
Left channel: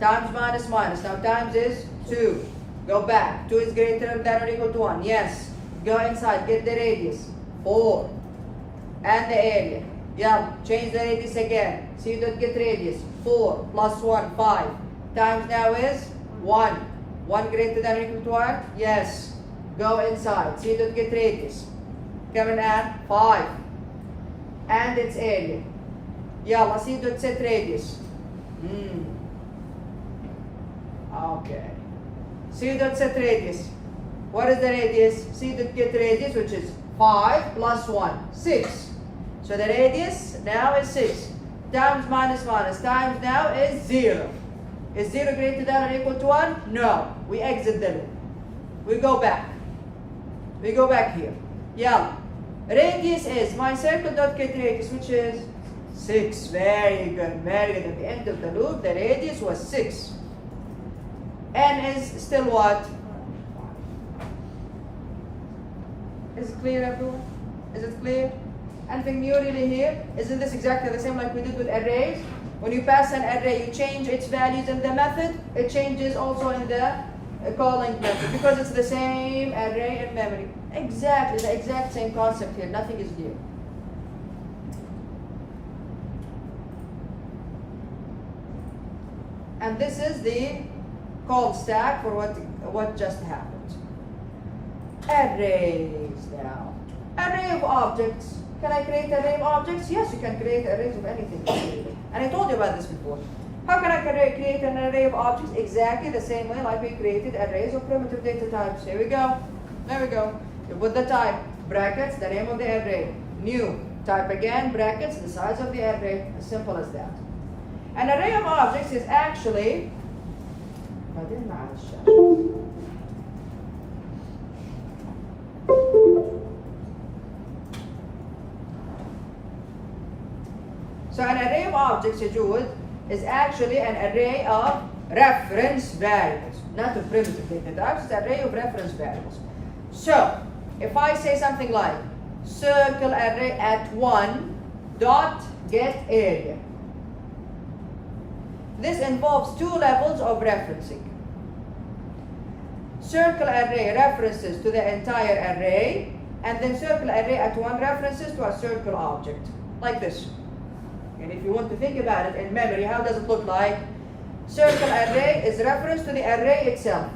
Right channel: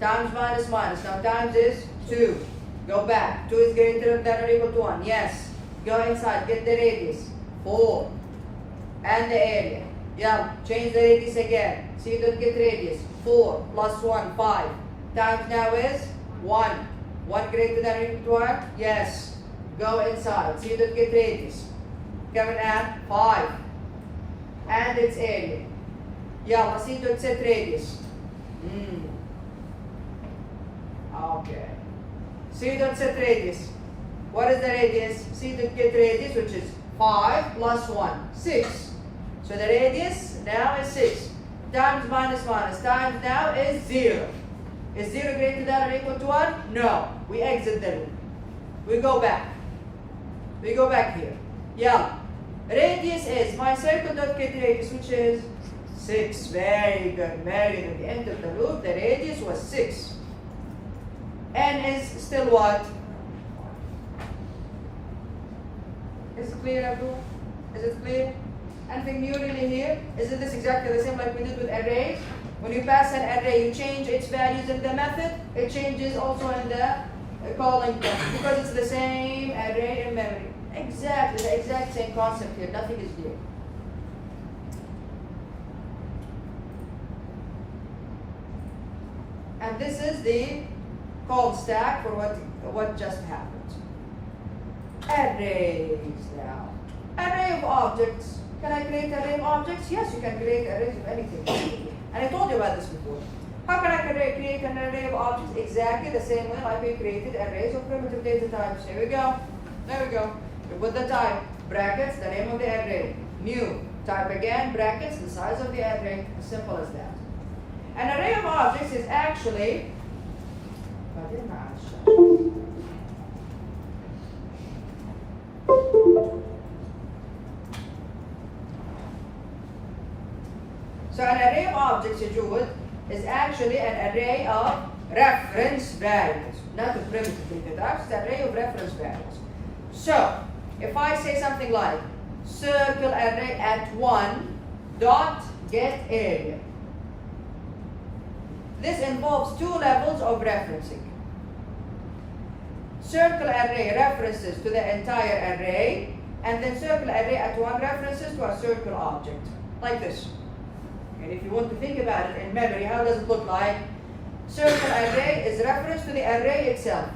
times minus minus. Now times is 2. Go back. 2 is greater than or equal to 1. Yes. Go inside. Get the radius 4 and the area. Yeah. Change the radius again. C dot get radius 4 plus 1 5 times now is 1. 1 greater than or equal to 1? Yes. Go inside. C dot get radius. Come and add 5 and its area. Yeah. C dot set radius. Okay. C dot set radius. What is the radius? C dot get radius, which is 5 plus 1, 6. So the radius now is 6. Times minus minus times now is 0. Is 0 greater than or equal to 1? No. We exit the loop. We go back. We go back here. Yeah. Radius is my circle dot get radius, which is 6. Very good. Very good. At the end of the loop, the radius was 6. N is still what? Is it clear, everyone? Is it clear? Anything new really here? Isn't this exactly the same like we did with arrays? When you pass an array, you change its values in the method. It changes also in the calling method because it's the same array in memory. Exactly, the exact same concept here. Nothing is new. And this is the call stack for what just happened. Arrays now. Array of objects. Can I create an array of objects? Yes, you can create arrays of anything. And I told you about this before. How can I create an array of objects? Exactly the same way like we created arrays of primitive data types. Here we go. There we go. You put the type, brackets, the name of the array. New. Type again, brackets, the size of the array. As simple as that. An array of objects is actually so an array of objects, Jude, is actually an array of reference variables, not of primitive data types. It's an array of reference variables. So if I say something like circle array at 1 dot get area, this involves 2 levels of referencing. Circle array references to the entire array, and then circle array at 1 references to a circle object, like this. And if you want to think about it in memory, how does it look like? Circle array is reference to the array itself,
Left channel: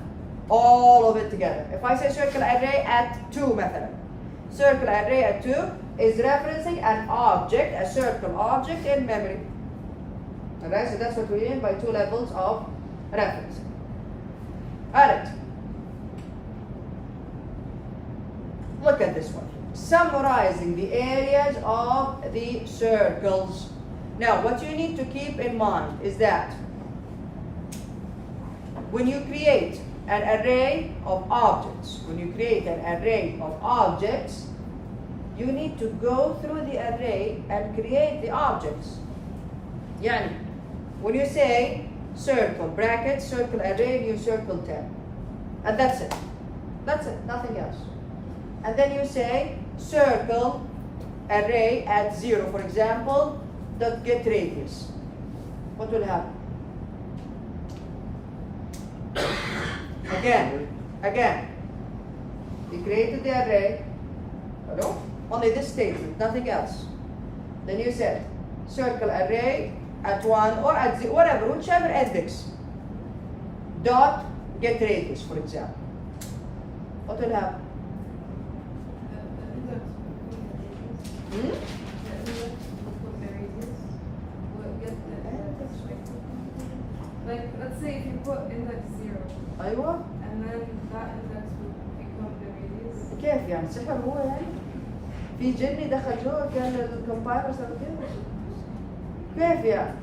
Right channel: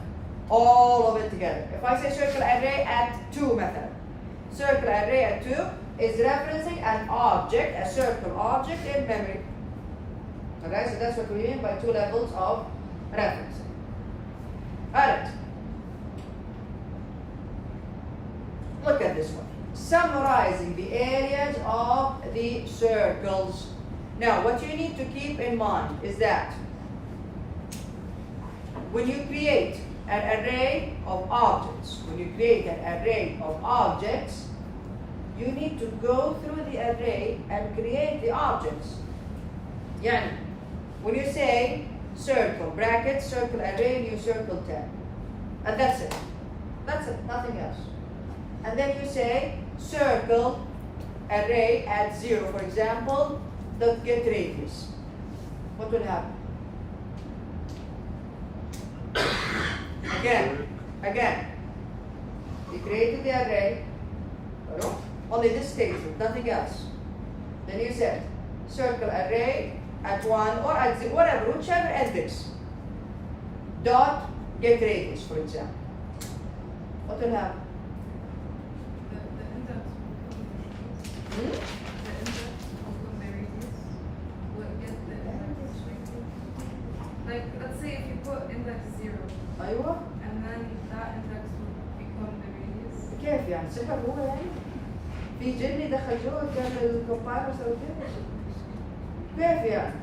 all of it together. If I say circle array at 2 method, circle array at 2 is referencing an object, a circle object in memory. Alright, so that's what we mean by 2 levels of referencing. Alright. Look at this one. Summarizing the areas of the circles. Now, what you need to keep in mind is that when you create an array of objects, you need to go through the array and create the objects. Yani, when you say circle, bracket, circle array, you circle 10. And that's it. That's it, nothing else. And then you say circle array at 0, for example, dot get radius. What will happen? Again. You created the array, only this statement, nothing else. Then you said circle array at 1 or at 0, whatever, whichever index, dot get radius, for example. What will happen? put index 0, ايوه and then that index would become the radius. كيف يعني سحر هو يعني في جني دخل جوه كان الكومبايلر سوى كده كيف يعني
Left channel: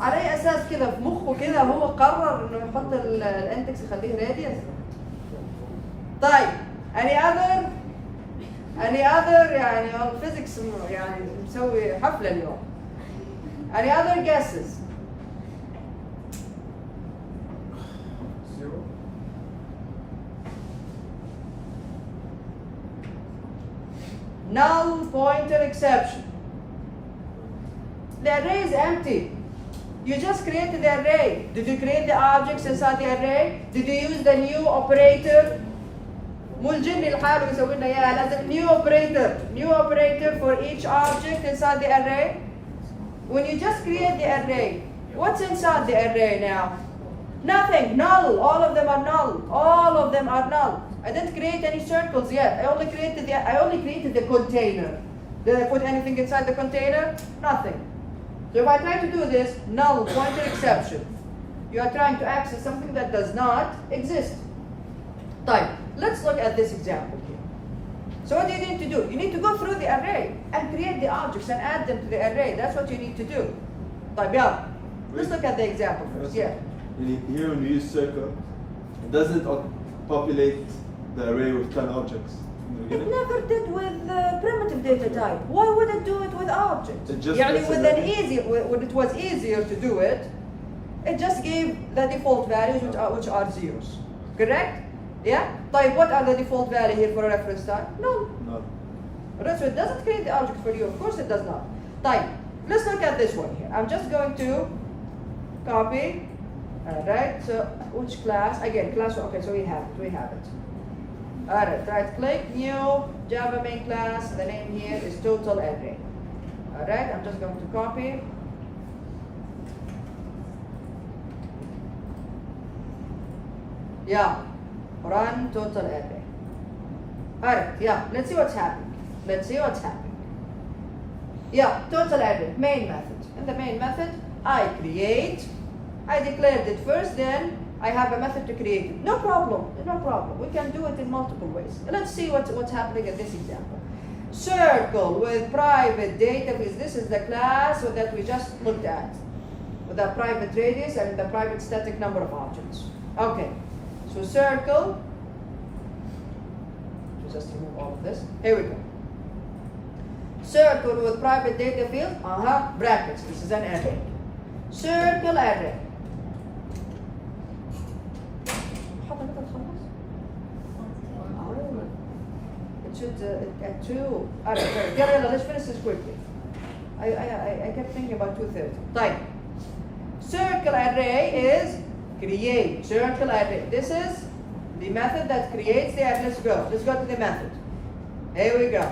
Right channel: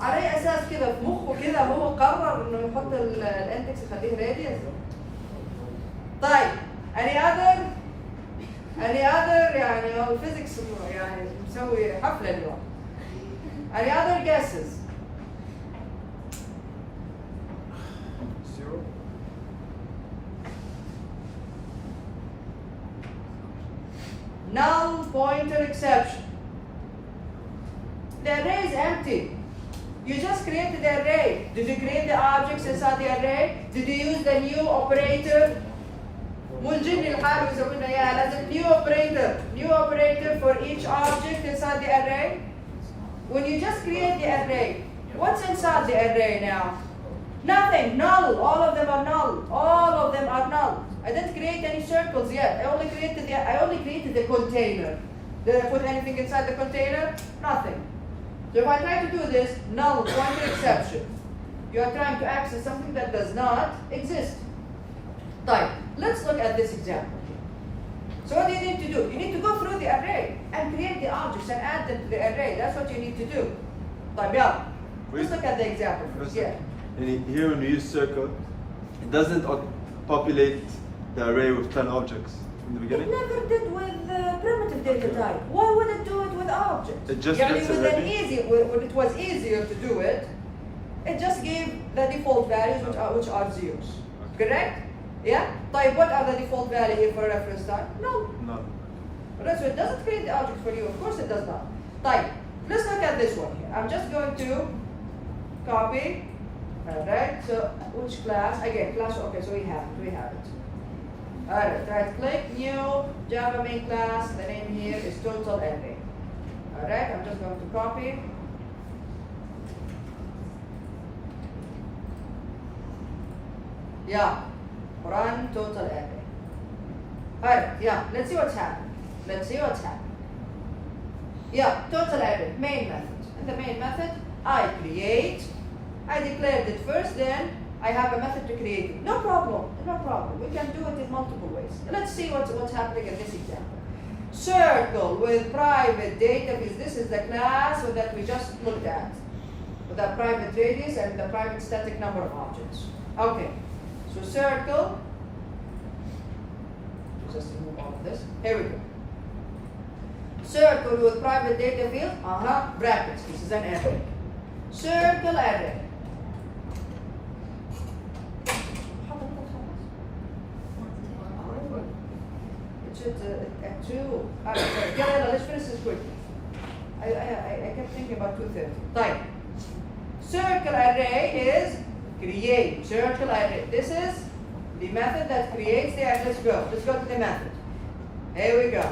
على اي اساس كده في مخه كده هو قرر انه يحط الاندكس يخليه راديوس طيب any other يعني الفيزيكس يعني مسوي حفله اليوم any other guesses Zero. null pointer exception. The array is empty. You just created the array. Did you create the objects inside the array? Did you use the new operator? مو الجن لحاله يسوي لنا اياها لازم new operator for each object inside the array. When you just create the array, what's inside the array now? Nothing, null. All of them are null. All of them are null. I didn't create any circles yet. I only created the container. Did I put anything inside the container? Nothing. So if I try to do this, null pointer exception. You are trying to access something that does not exist. Right. Let's look at this example here. So what do you need to do? You need to go through the array and create the objects and add them to the array. That's what you need to do. طيب يلا. Let's look at the example first. Yeah. Here when we use circle, it doesn't populate the array with 10 objects in the It beginning. never did with primitive data type. Why would it do it with objects? It just يعني puts with it an ready. when it was easier to do it, it just gave the default values which are zeros. Correct? Yeah? طيب what are the default value here for reference type? No. No. Right, so it doesn't create the object for you. Of course it does not. طيب, let's look at this one here. I'm just going to copy. Alright, so which class? Again, class, okay, so we have it. Alright, right click, new, Java main class, the name here is total array. Alright, I'm just going to copy. Yeah, run total array. Alright, yeah, let's see what's happening. Yeah, total array, main method. In the main method, I declared it first, then I have a method to create it. No problem. We can do it in multiple ways. Let's see what's happening in this example. Circle with private data, because this is the class that we just looked at. With the private radius and the private static number of objects. Okay, so circle. Just remove all of this. Here we go. Circle with private data field, brackets. This is an array. Circle array. It should at 2. Let's finish this quickly. I kept thinking about 2:30. Right. Circle array is create. Circle array. This is the method that creates the array. Let's go to the method. Here we go.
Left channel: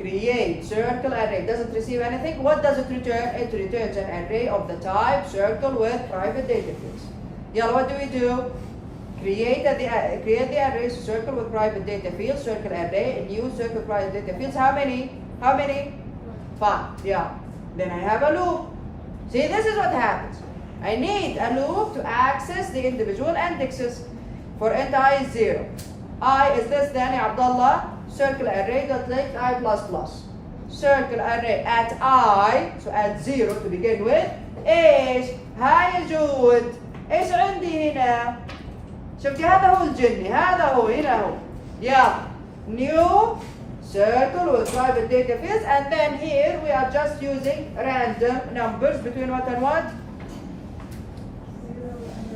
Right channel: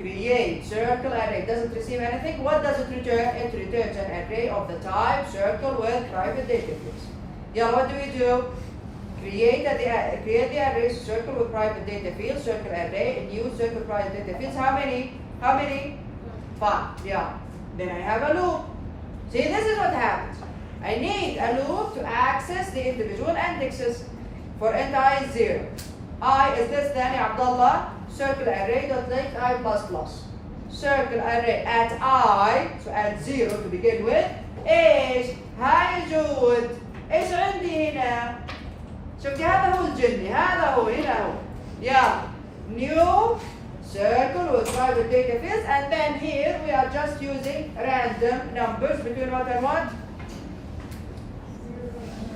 Create circle array. Doesn't receive anything. What does it return? It returns an array of the type circle with private data fields. Yeah, what do? Create the array circle with private data fields, circle array, and new circle private data fields. How many? 5. Yeah. Then I have a loop. See, this is what happens. I need a loop to access the individual indexes. For int I is 0. I is less than ya Abdullah. Circle array dot length I plus plus. Circle array at I, so at 0 to begin with. ايش؟ هاي جود. ايش عندي هنا؟ شفتي هذا هو الجني، هذا هو هنا هو. Yeah. New circle with private data fields, and then here we are just using random numbers between what and what?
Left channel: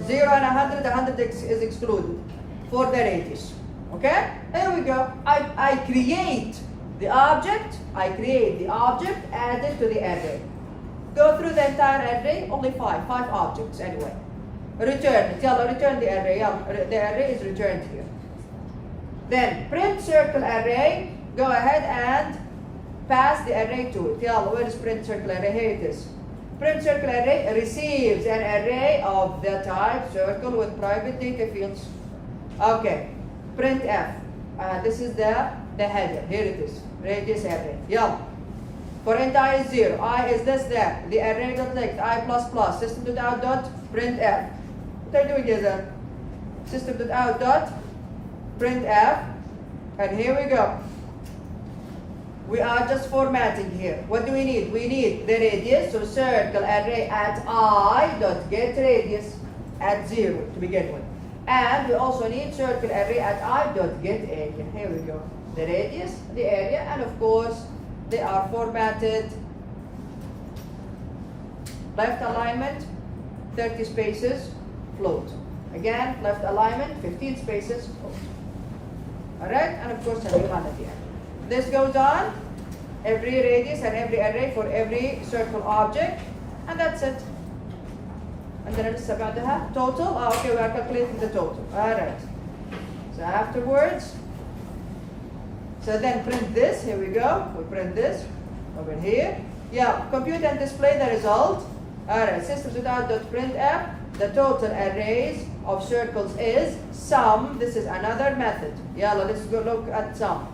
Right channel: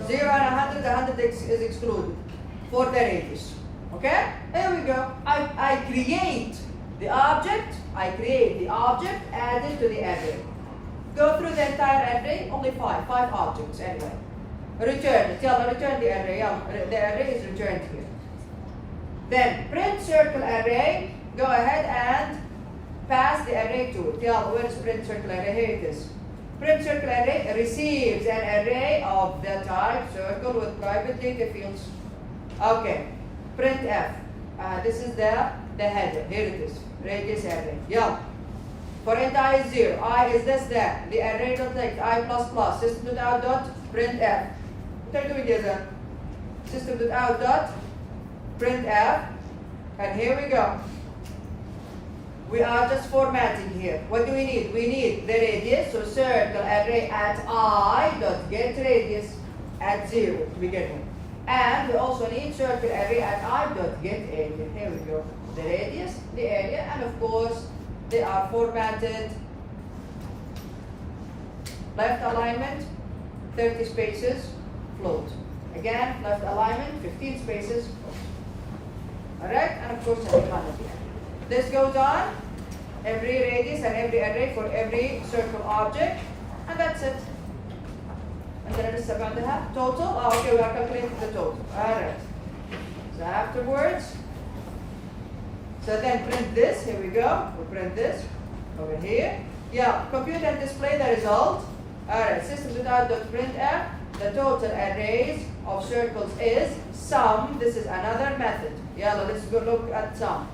0 and 100. 100 is excluded for the radius. Okay? Here we go. I create the object. Added to the array. Go through the entire array. Only 5 objects anyway. Return it. Return the array. The array is returned here. Then print circle array. Go ahead and pass the array to it. Where is print circle array? Here it is. Print circle array receives an array of the type circle with private data fields. Okay. Print f. This is the header. Here it is. Radius array. Yeah. For int I is 0. I is less than the array dot length I plus plus system.out dot printf. What are you doing here then? System.out dot printf, and here we go. We are just formatting here. What do we need? We need the radius, so circle array at I dot get radius at 0 to begin with. And we also need circle array at I dot get area. Here we go. The radius, the area, and of course they are formatted. Left alignment, 30 spaces, float. Again, left alignment, 15 spaces, float. Alright, and of course a new one at the end. This goes on, every radius and every array for every circle object, and that's it. And then لسه بعدها total. Okay, we are calculating the total. Alright. So afterwards, so then print this. Here we go. We print this over here. Yeah, compute and display the result. Alright, system.out.printf. The total arrays of circles is sum. This is another method. Yeah, let's go look at sum.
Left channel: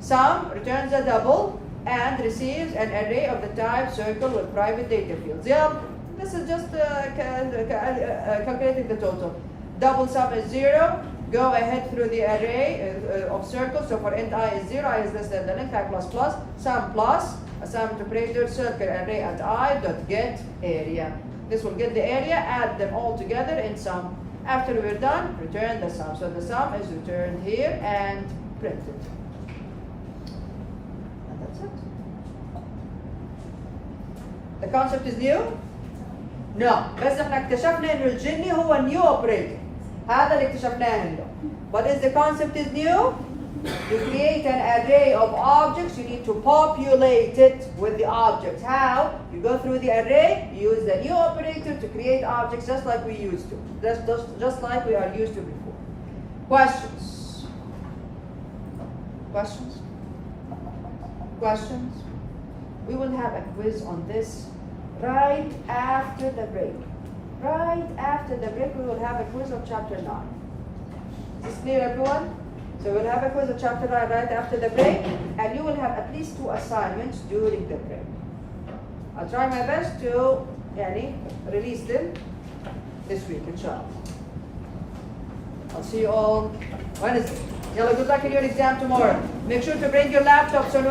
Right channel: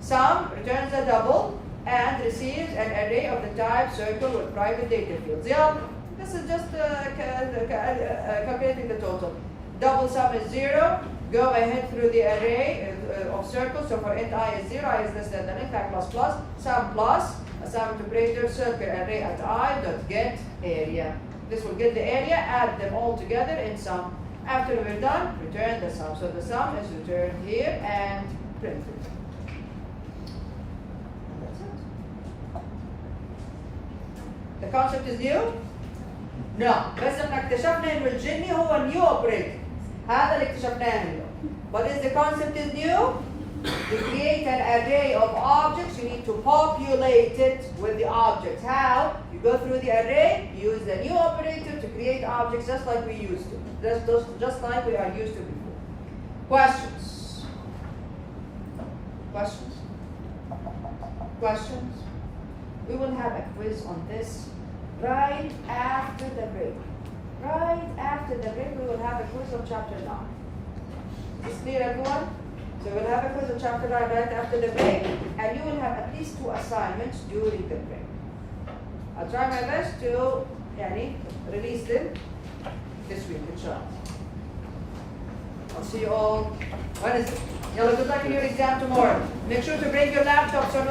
Sum returns a double and receives an array of the type circle with private data fields. Yeah, this is just calculating the total. Double sum is 0. Go ahead through the array of circles. So for int I is 0, I is less than the length, I plus plus, sum plus, a sum operator, circle array at I dot get area. This will get the area, add them all together in sum. After we're done, return the sum. So the sum is returned here and printed. And that's it. The concept is new? No. بس احنا اكتشفنا انه الجني هو النيو اوبريتور. هذا اللي اكتشفناه هنا. But if the concept is new, you create an array of objects, you need to populate it with the objects. How? You go through the array, use the new operator to create objects just like we used to. Just like we are used to before. Questions? Questions? Questions? We will have a quiz on this right after the break. Right after the break, we will have a quiz on chapter 9. Is this clear, everyone? So we'll have a quiz on chapter 9 right after the break, and you will have at least 2 assignments during the break. I'll try my best to release them this week, inshallah. I'll see you all Wednesday. Yalla, good luck in your exam tomorrow. Make sure to bring your laptops or